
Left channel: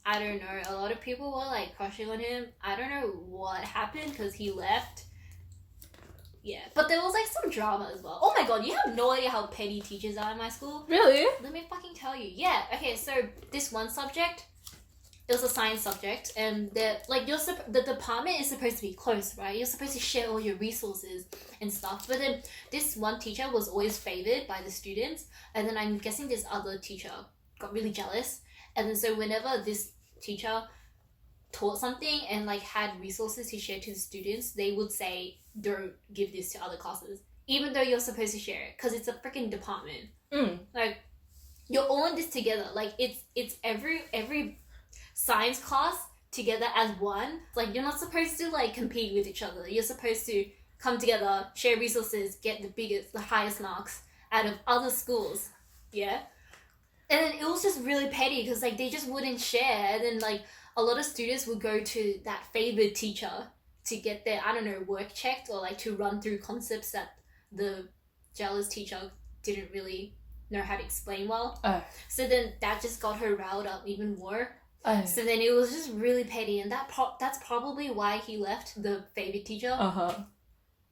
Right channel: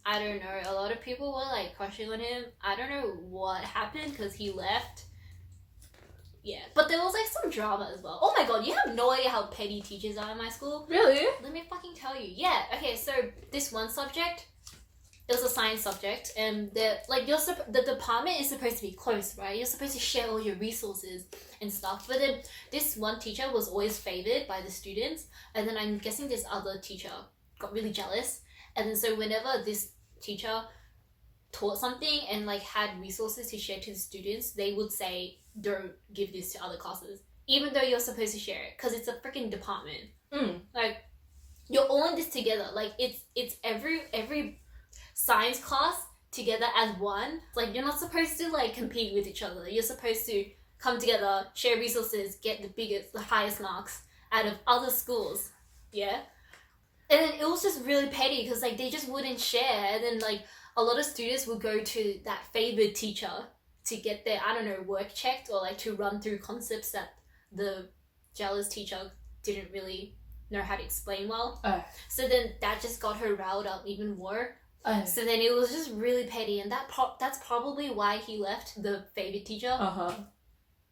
I don't know, a lot of people were like crushing on him. I don't know what happened because he left. Yeah, but there was like some drama as well. Oh my god, you have no idea how petty teachers are in my school. Really? Let me fucking tell you. Yeah, okay, so this one subject, it was a science subject, and the department is supposed to be close, right? You're supposed to share all your resources and stuff. But then this one teacher was always favored by the students, and then I'm guessing this other teacher got really jealous. And then so whenever this teacher taught something and like had resources to share to the students, they would say, don't give this to other classes, even though you're supposed to share it, because it's a freaking department. Like, you're all in this together. Like, it's every science class together as one. Like, you're not supposed to like compete with each other. You're supposed to come together, share resources, get the highest marks out of other schools. Yeah. And then it was just really petty because like they just wouldn't share. And then like a lot of students would go to that favored teacher to get their, I don't know, work checked, or like to run through concepts that the jealous teacher didn't really know how to explain well. So then that just got her riled up even more. So then it was just really petty, and that's probably why he left the favored teacher.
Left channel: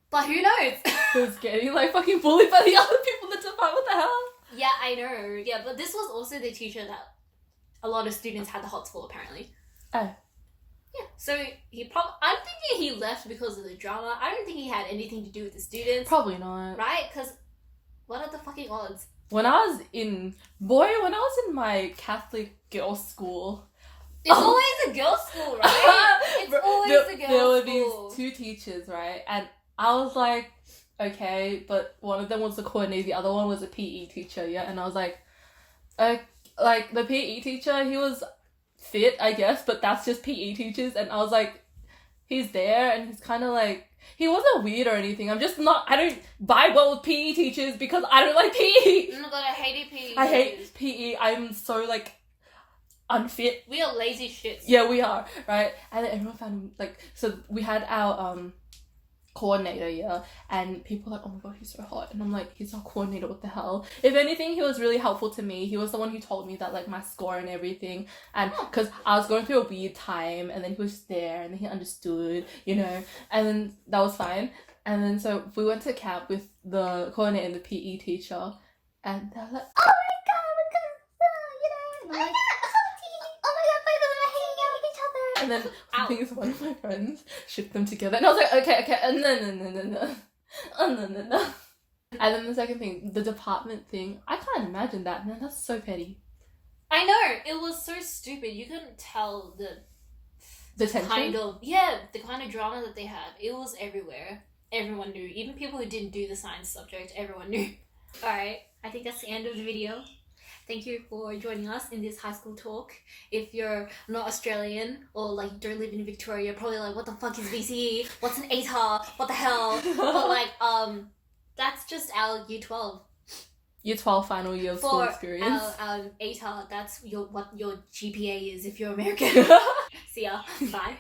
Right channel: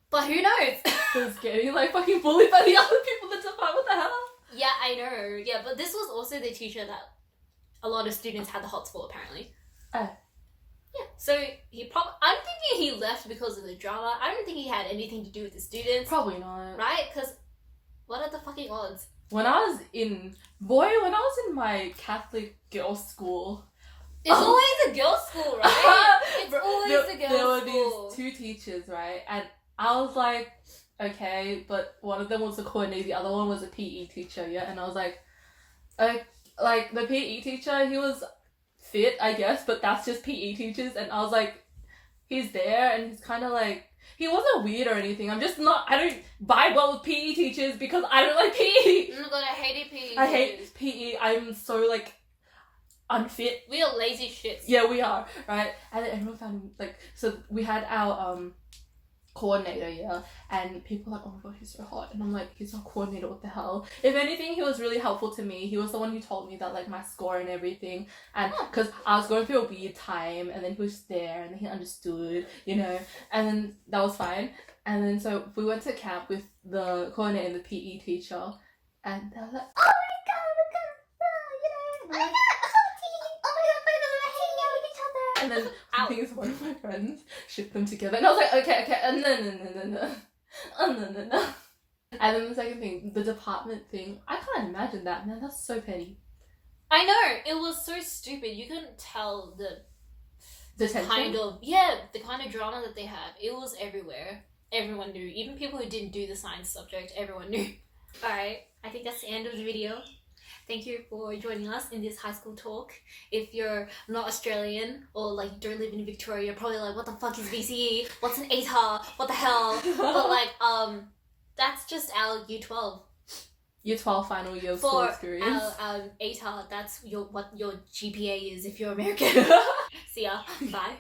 But who knows? He's getting like fucking bullied by the other people in the department. What the hell? Yeah, I know. Yeah, but this was also the teacher that a lot of students had the hots for, apparently. Yeah, so I'm thinking he left because of the drama. I don't think he had anything to do with the students. Probably not. Right? Because what are the fucking odds? When I was in my Catholic girls' school... It's always a girls' school, right? It's always a girls' school. There were these two teachers, right? And I was like, okay, but one of them was the coordinator, the other one was a PE teacher, yeah? And I was like the PE teacher, he was fit, I guess, but that's just PE teachers. And I was like, he's there and he's kind of like, he wasn't weird or anything. I don't vibe well with PE teachers because I don't like PE. Oh my god, I hated PE. I hate PE. I'm so like unfit. We are lazy shits. Yeah, we are, right? And then everyone found him, like, so we had our coordinator, yeah, and people were like, oh my god, he's so hot, and I'm like, he's our coordinator, what the hell? If anything, he was really helpful to me. He was the one who told me that like my score and everything, and because I was going through a weird time, and then he was there and he understood, you know, and then that was fine. And then so we went to camp with the coordinator and the PE teacher, and they were like, oh my god, you know, like, and then I think it's one of my friends shipped them together, and I was like, okay, no. And then the second thing, the department thing, I can't imagine that, man. That's so petty. I know, it was so stupid. You couldn't tell the tension? kind of drama that they had. It was everywhere. Everyone knew. Even people who didn't do the science subject, everyone knew. Alright, I think that's the end of the video. Thank you for joining us in this high school talk. If you're not Australian or like don't live in Victoria, you're probably like, what the fuck is VCE? What's an ATAR? What the hell? But like, that's just our Year 12. Year 12 final year of school experience. For our ATAR, that's what your GPA is if you're American. See ya. Bye.